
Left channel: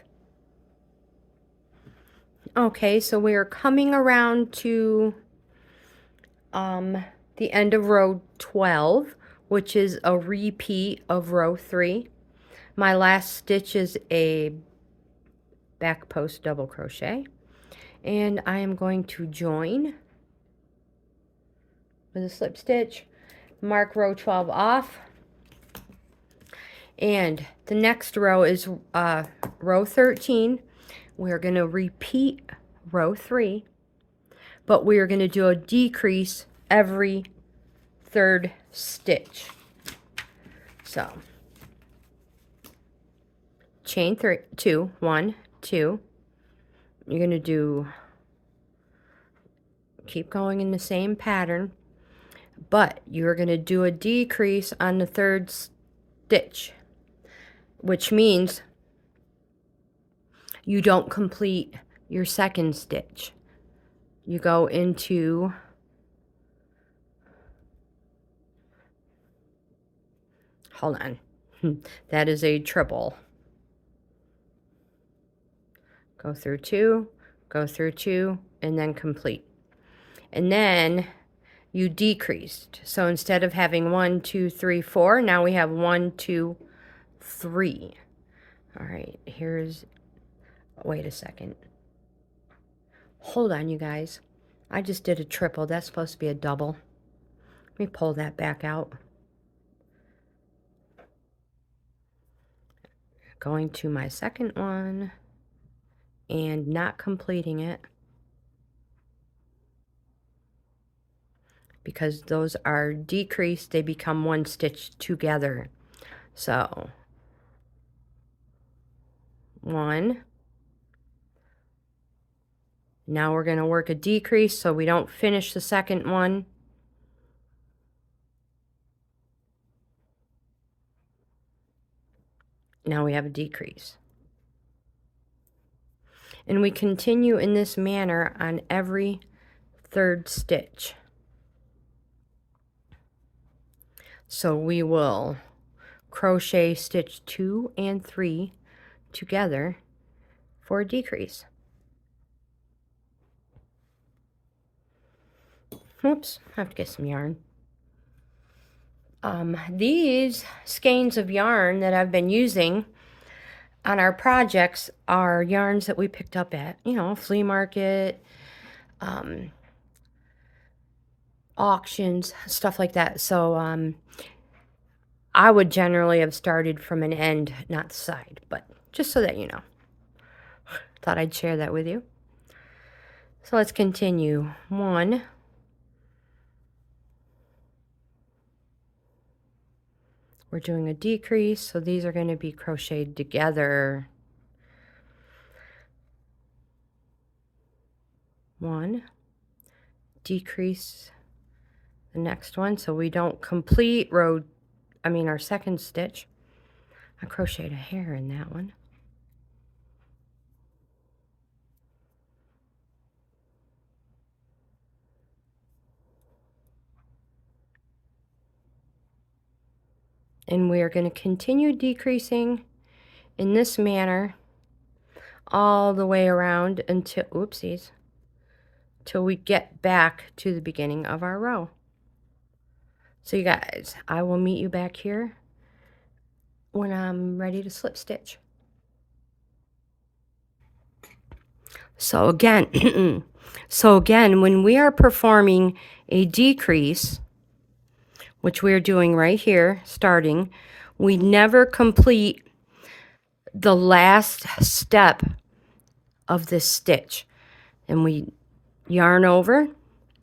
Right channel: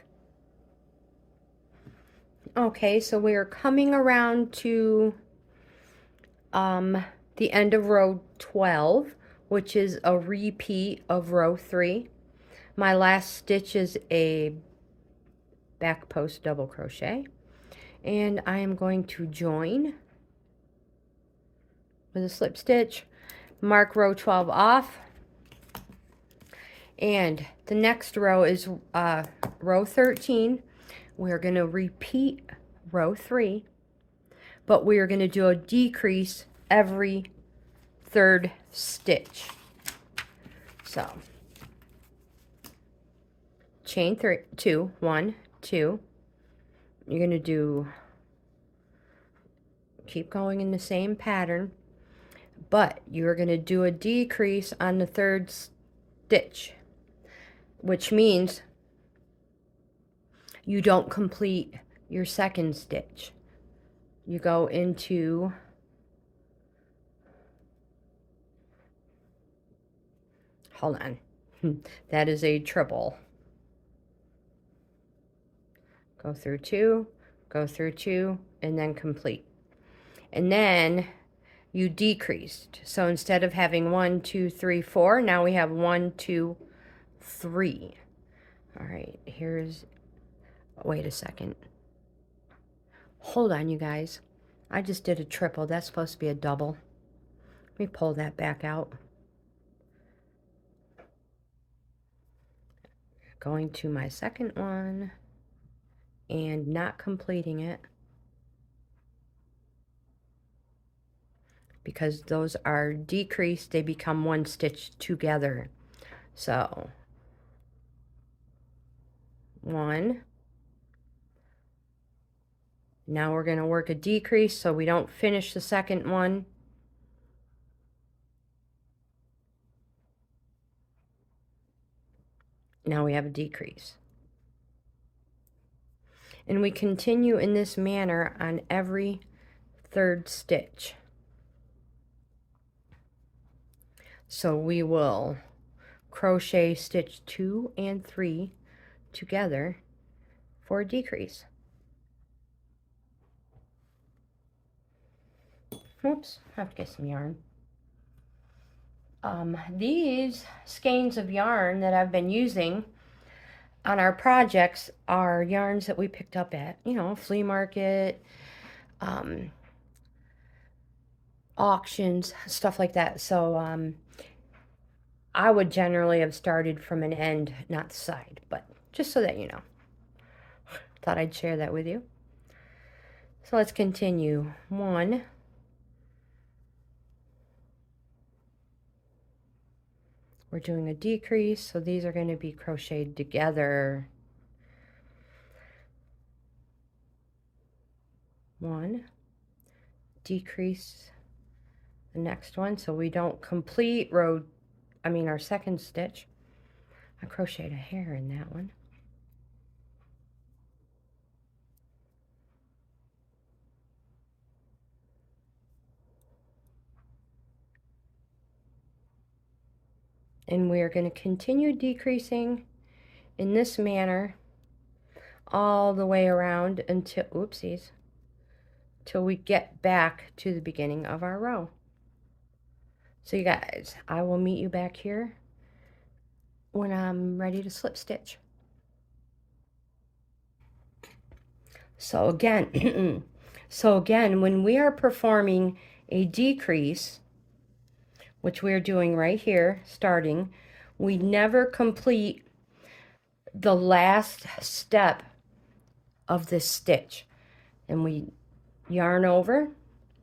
Okay, so we are coming around to the end of row 12, which is a repeat of row 3. My last stitch is a back post double crochet, and I am going to join with a slip stitch, mark row 12 off, and the next row is row 13. We're going to repeat row 3, but we are going to do a decrease every 3rd stitch. So chain 2, 1, 2. You're going to do, keep going in the same pattern, but you're going to do a decrease on the 3rd stitch, which means you don't complete your 2nd stitch. You go into hold on, that is a triple. Go through 2, go through 2, and then complete. And then you decreased. So instead of having 1, 2, 3, 4, now we have 1, 2, 3. All right, here's, wait a second. Hold on, you guys. I just did a triple. That's supposed to be a double. Let me pull that back out. Going to my 2nd one and not completing it, because those are decreased, they become 1 stitch together. So 1, now we're going to work a decrease so we don't finish the 2nd one. Now we have a decrease. And we continue in this manner on every 3rd stitch. So we will crochet stitch 2 and 3 together for a decrease. Oops, I have to get some yarn. These skeins of yarn that I've been using on our projects are yarns that we picked up at, you know, flea market, auctions, stuff like that. So I would generally have started from an end, not the side, but just so that you know. Thought I'd share that with you. So let's continue. 1, we're doing a decrease, so these are going to be crocheted together. 1, decrease the next one so we don't complete our 2nd stitch. I crocheted a hair in that one. And we are going to continue decreasing in this manner all the way around until, oopsies, till we get back to the beginning of our row. So you guys, I will meet you back here when I'm ready to slip stitch. So again, when we are performing a decrease, which we're doing right here, starting, we never complete the last step of this stitch. And we yarn over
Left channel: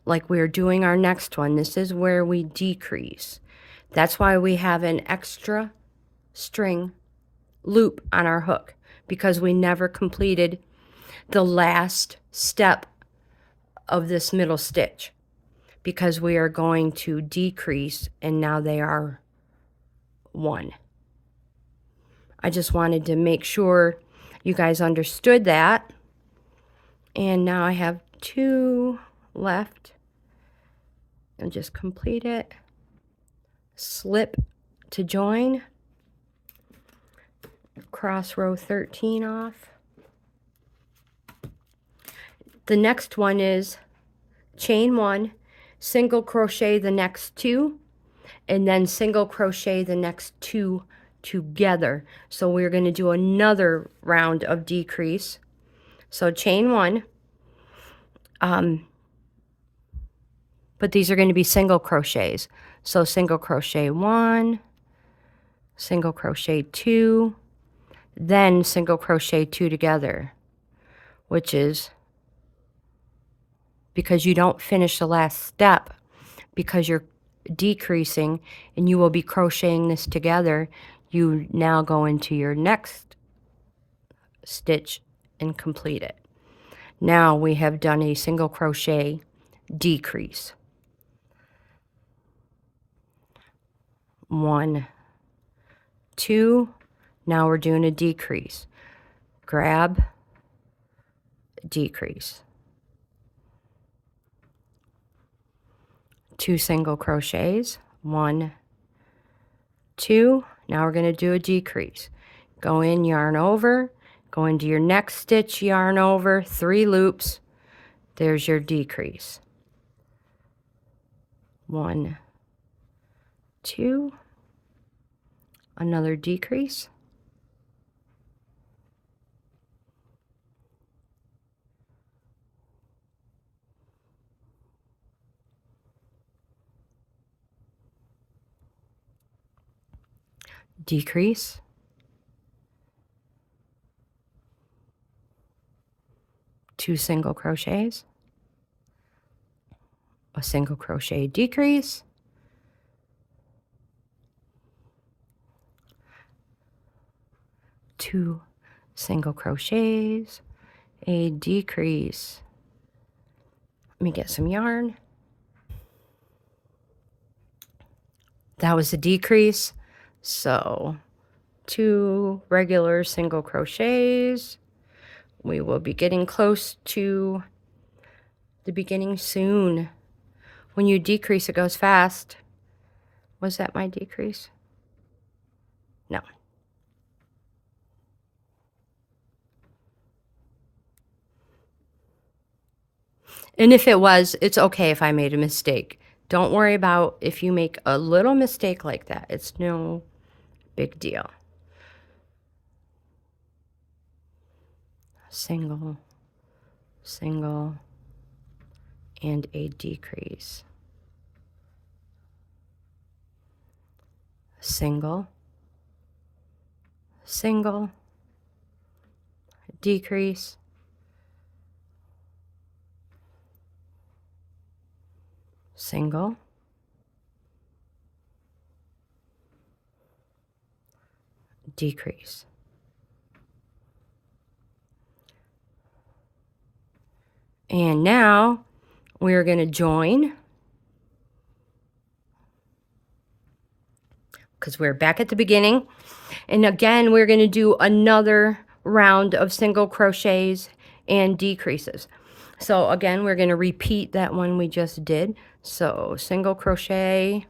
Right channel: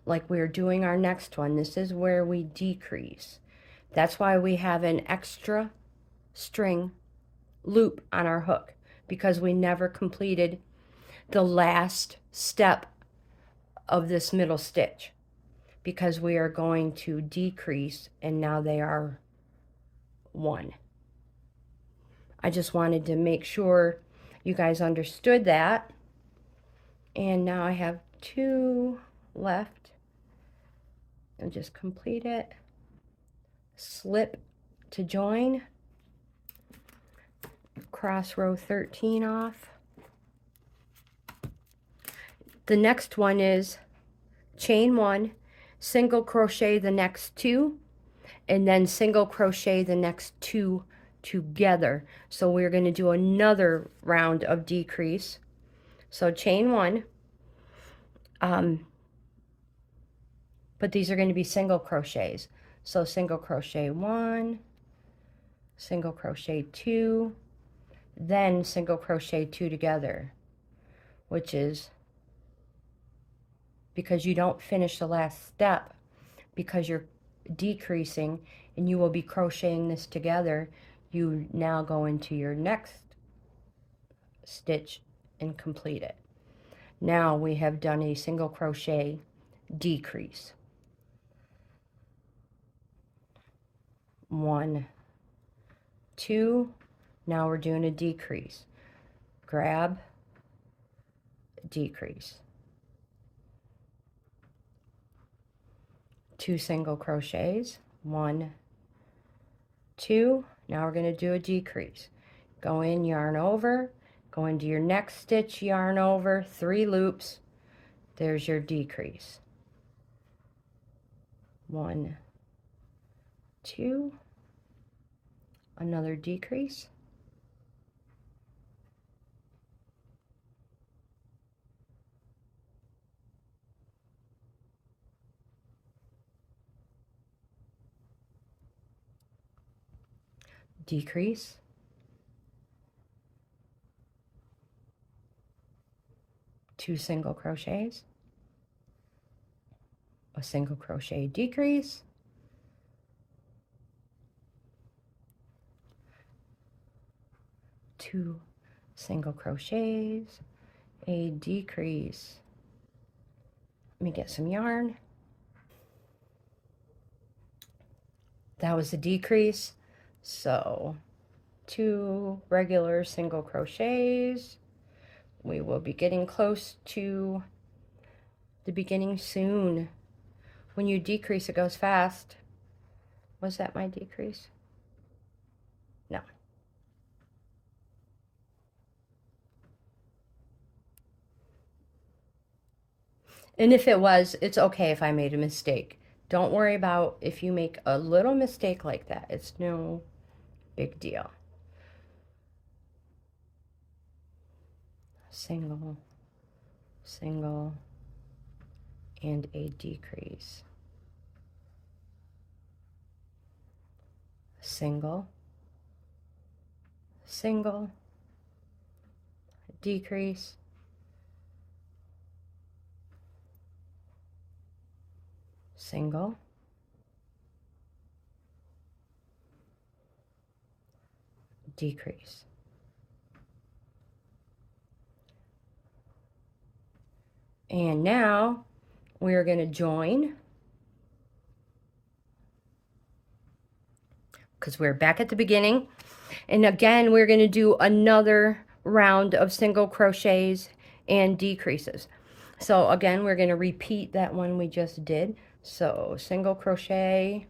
like we're doing our next one. This is where we decrease. That's why we have an extra string loop on our hook, because we never completed the last step of this middle stitch, because we are going to decrease, and now they are 1. I just wanted to make sure you guys understood that. And now I have 2 left, and just complete it. Slip to join, cross row 13 off. The next one is chain 1, single crochet the next 2, and then single crochet the next 2 together. So we're going to do another round of decrease. So chain 1, but these are going to be single crochets. So single crochet 1, single crochet 2, then single crochet 2 together, which is because you don't finish the last step, because you're decreasing and you will be crocheting this together. You now go into your next stitch and complete it. Now we have done a single crochet decrease. 1, 2, now we're doing a decrease. Grab, decrease. 2 single crochets, 1, 2, now we're going to do a decrease. Go in, yarn over, go into your next stitch, yarn over, 3 loops, there's your decrease. 1, 2, another decrease. Decrease. Two single crochets, a single crochet decrease, two single crochets, a decrease. Let me get some yarn. That was a decrease. So 2 regular single crochets. We will be getting close to the beginning soon. When you decrease, it goes fast. Was that my decrease? No. And if it was, it's okay if I made a mistake. Don't worry about if you make a little mistake like that. It's no big deal. Single, single, and a decrease. Single, single, decrease, single, decrease. And now we're going to join, because we're back at the beginning. And again, we're going to do another round of single crochets and decreases. So again, we're going to repeat that one we just did. So single crochet,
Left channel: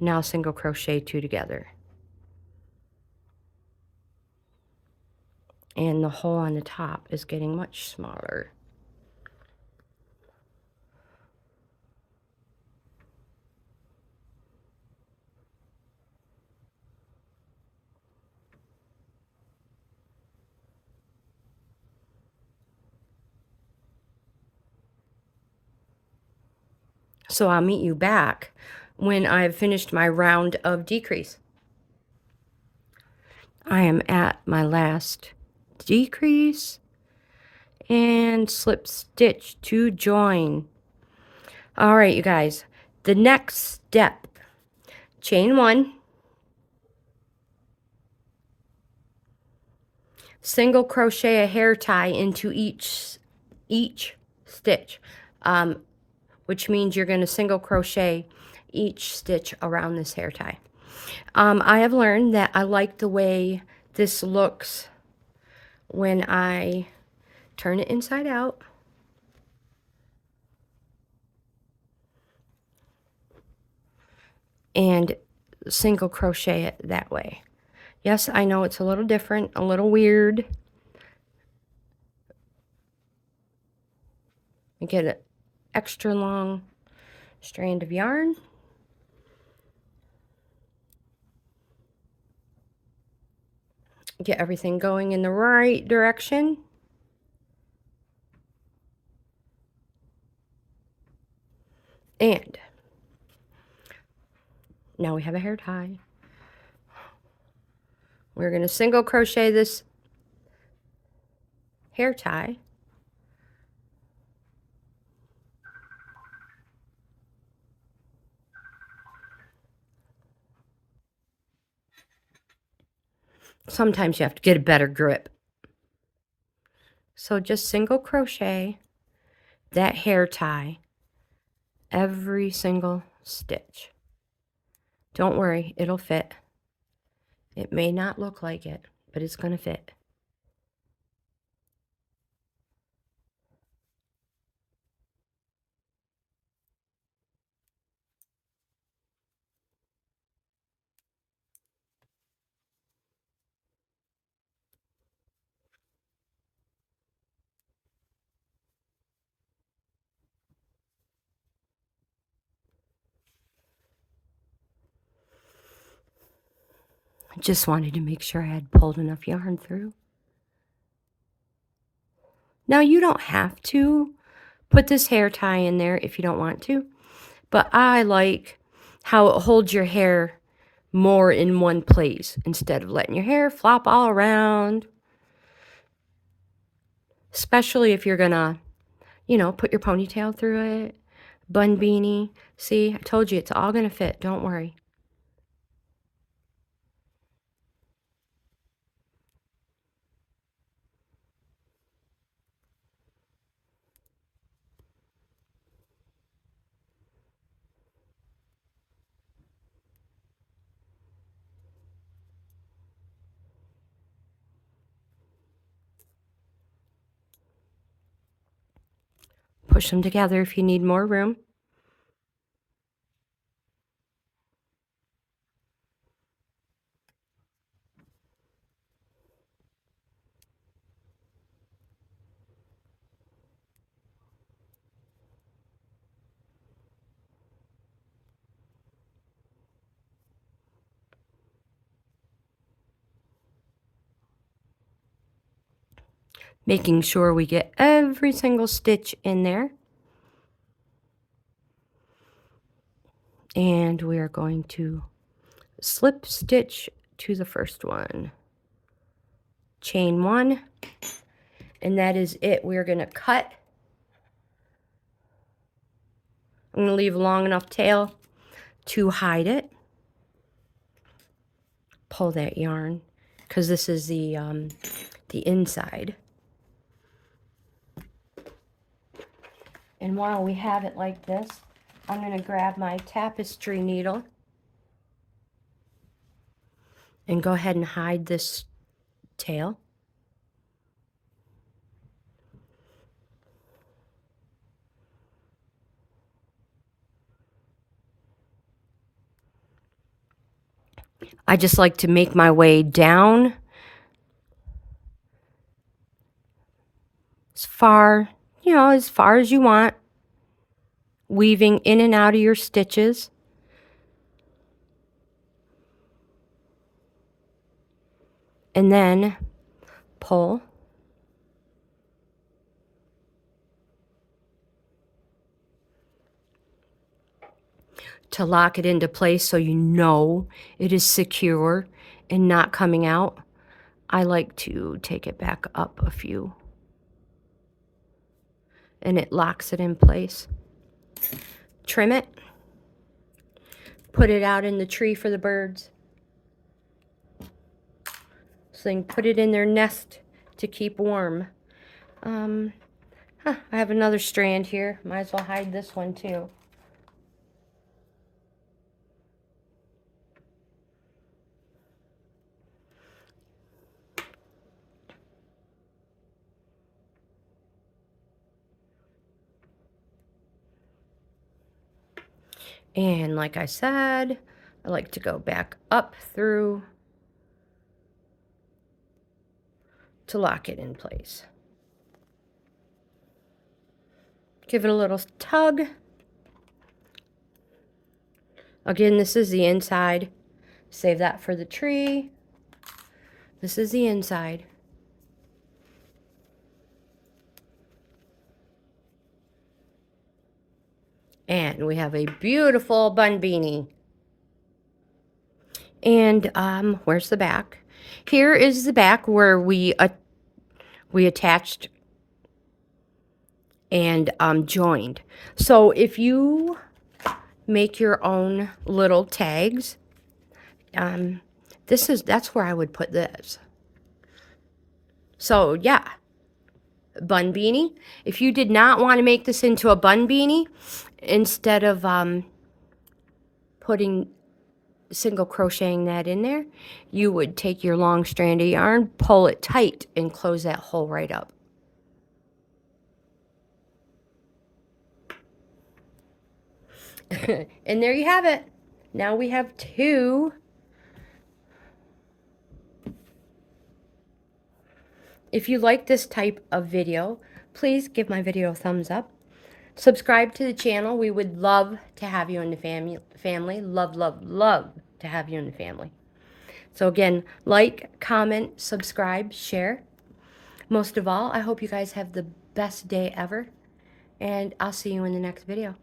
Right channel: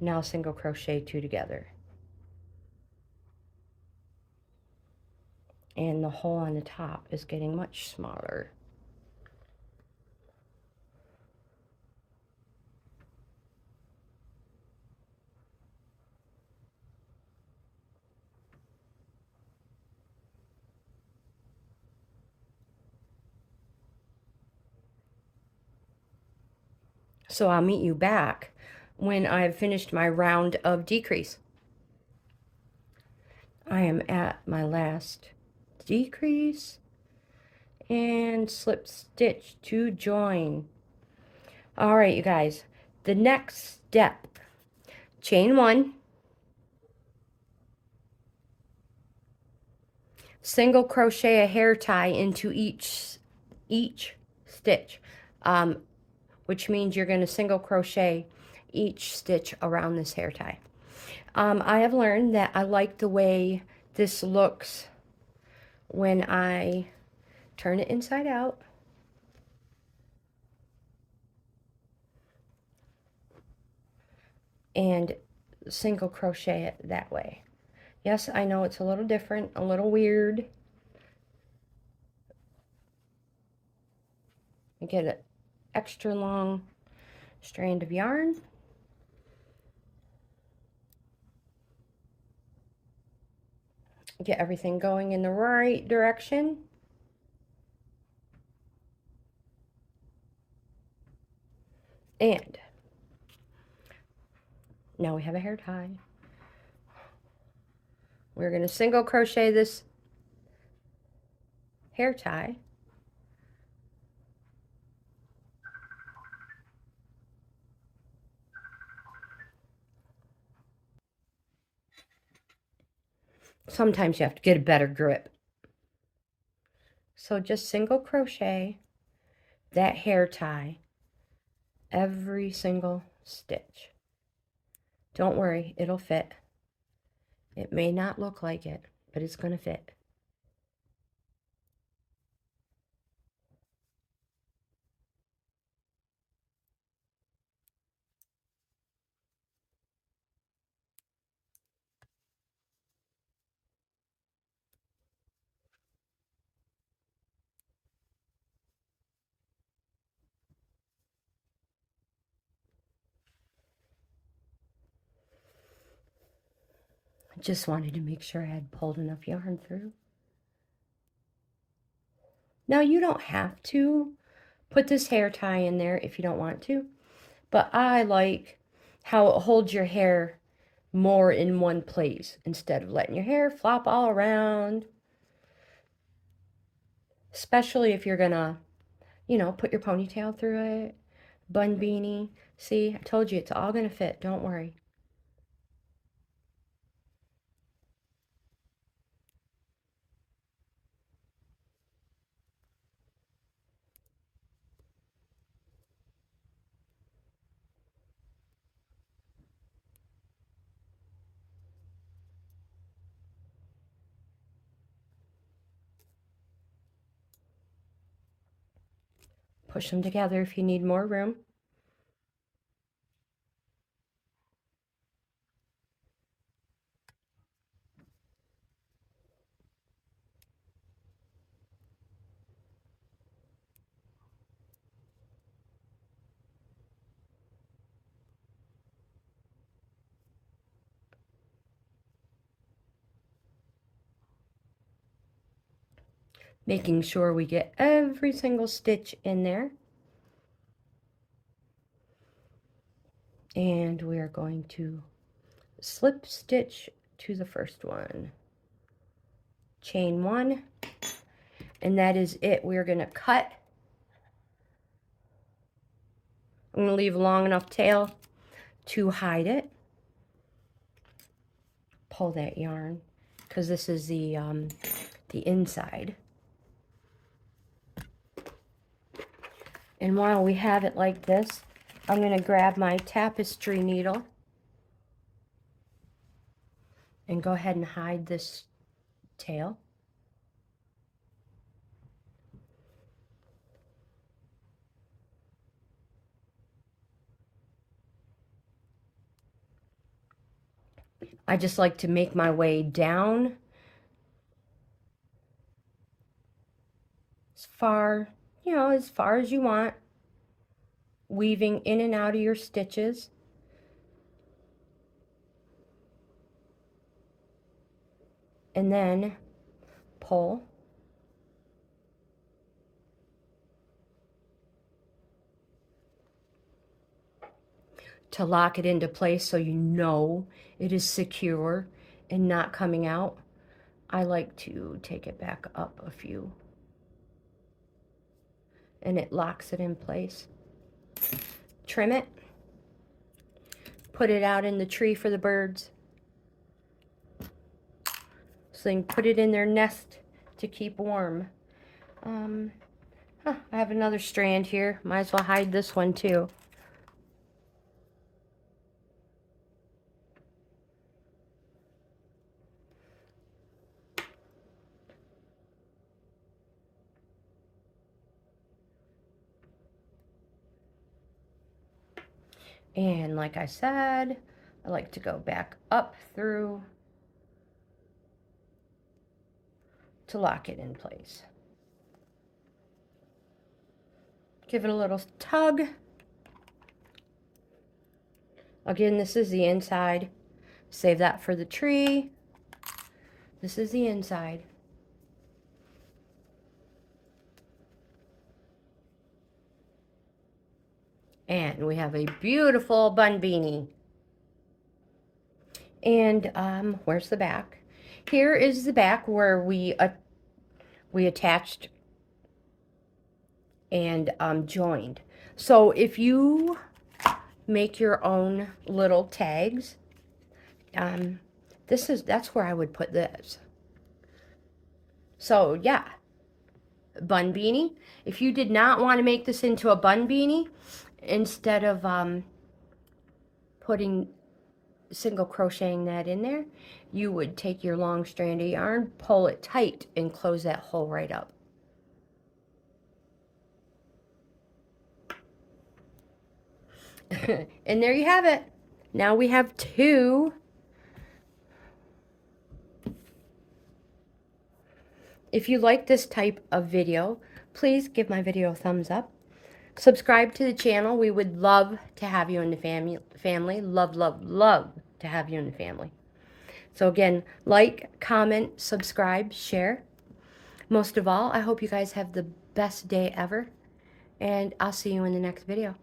now single crochet 2 together. And the hole on the top is getting much smaller. So I'll meet you back when I've finished my round of decrease. I am at my last decrease and slip stitch to join. All right, you guys, the next step, chain 1, single crochet a hair tie into each stitch, which means you're going to single crochet each stitch around this hair tie. I have learned that I like the way this looks when I turn it inside out. And single crochet it that way. Yes, I know it's a little different, a little weird. I get an extra long strand of yarn. Get everything going in the right direction. And now we have a hair tie. We're going to single crochet this hair tie. Sometimes you have to get a better grip. So just single crochet that hair tie every single stitch. Don't worry, it'll fit. It may not look like it, but it's going to fit. Just wanted to make sure I had pulled enough yarn through. Now you don't have to put this hair tie in there if you don't want to, but I like how it holds your hair more in one place instead of letting your hair flop all around. Especially if you're gonna, you know, put your ponytail through it, bun beanie. See, I told you it's all gonna fit, don't worry. Push them together if you need more room. Making sure we get every single stitch in there. And we are going to slip stitch to the first one. Chain 1. And that is it. We're going to cut. I'm going to leave a long enough tail to hide it. Pull that yarn because this is the inside. And while we have it like this, I'm going to grab my tapestry needle and go ahead and hide this tail. I just like to make my way down as far, you know, as far as you want, weaving in and out of your stitches. And then pull. to lock it into place so you know it is secure and not coming out, I like to take it back up a few. And it locks it in place. Trim it. Put it out in the tree for the birds. So they can put it in their nest to keep warm. I have another strand here. Might as well hide this one too. And like I said, I like to go back up through to lock it in place. Give it a little tug. Again, this is the inside. Save that for the tree. This is the inside. And we have a beautiful bun beanie. And where's the back? Here is the back where we attached and joined. So if you make your own little tags, that's where I would put this. So yeah, bun beanie. If you did not want to make this into a bun beanie, instead of putting single crocheting that in there, you would take your long strand of yarn, pull it tight, and close that hole right up. And there you have it. Now we have two. If you like this type of video, please give my video a thumbs up. Subscribe to the channel. We would love to have you in the family. Love, love, love to have you in the family. So again, like, comment, subscribe, share. Most of all, I hope you guys have the best day ever. And I'll see you in the next video.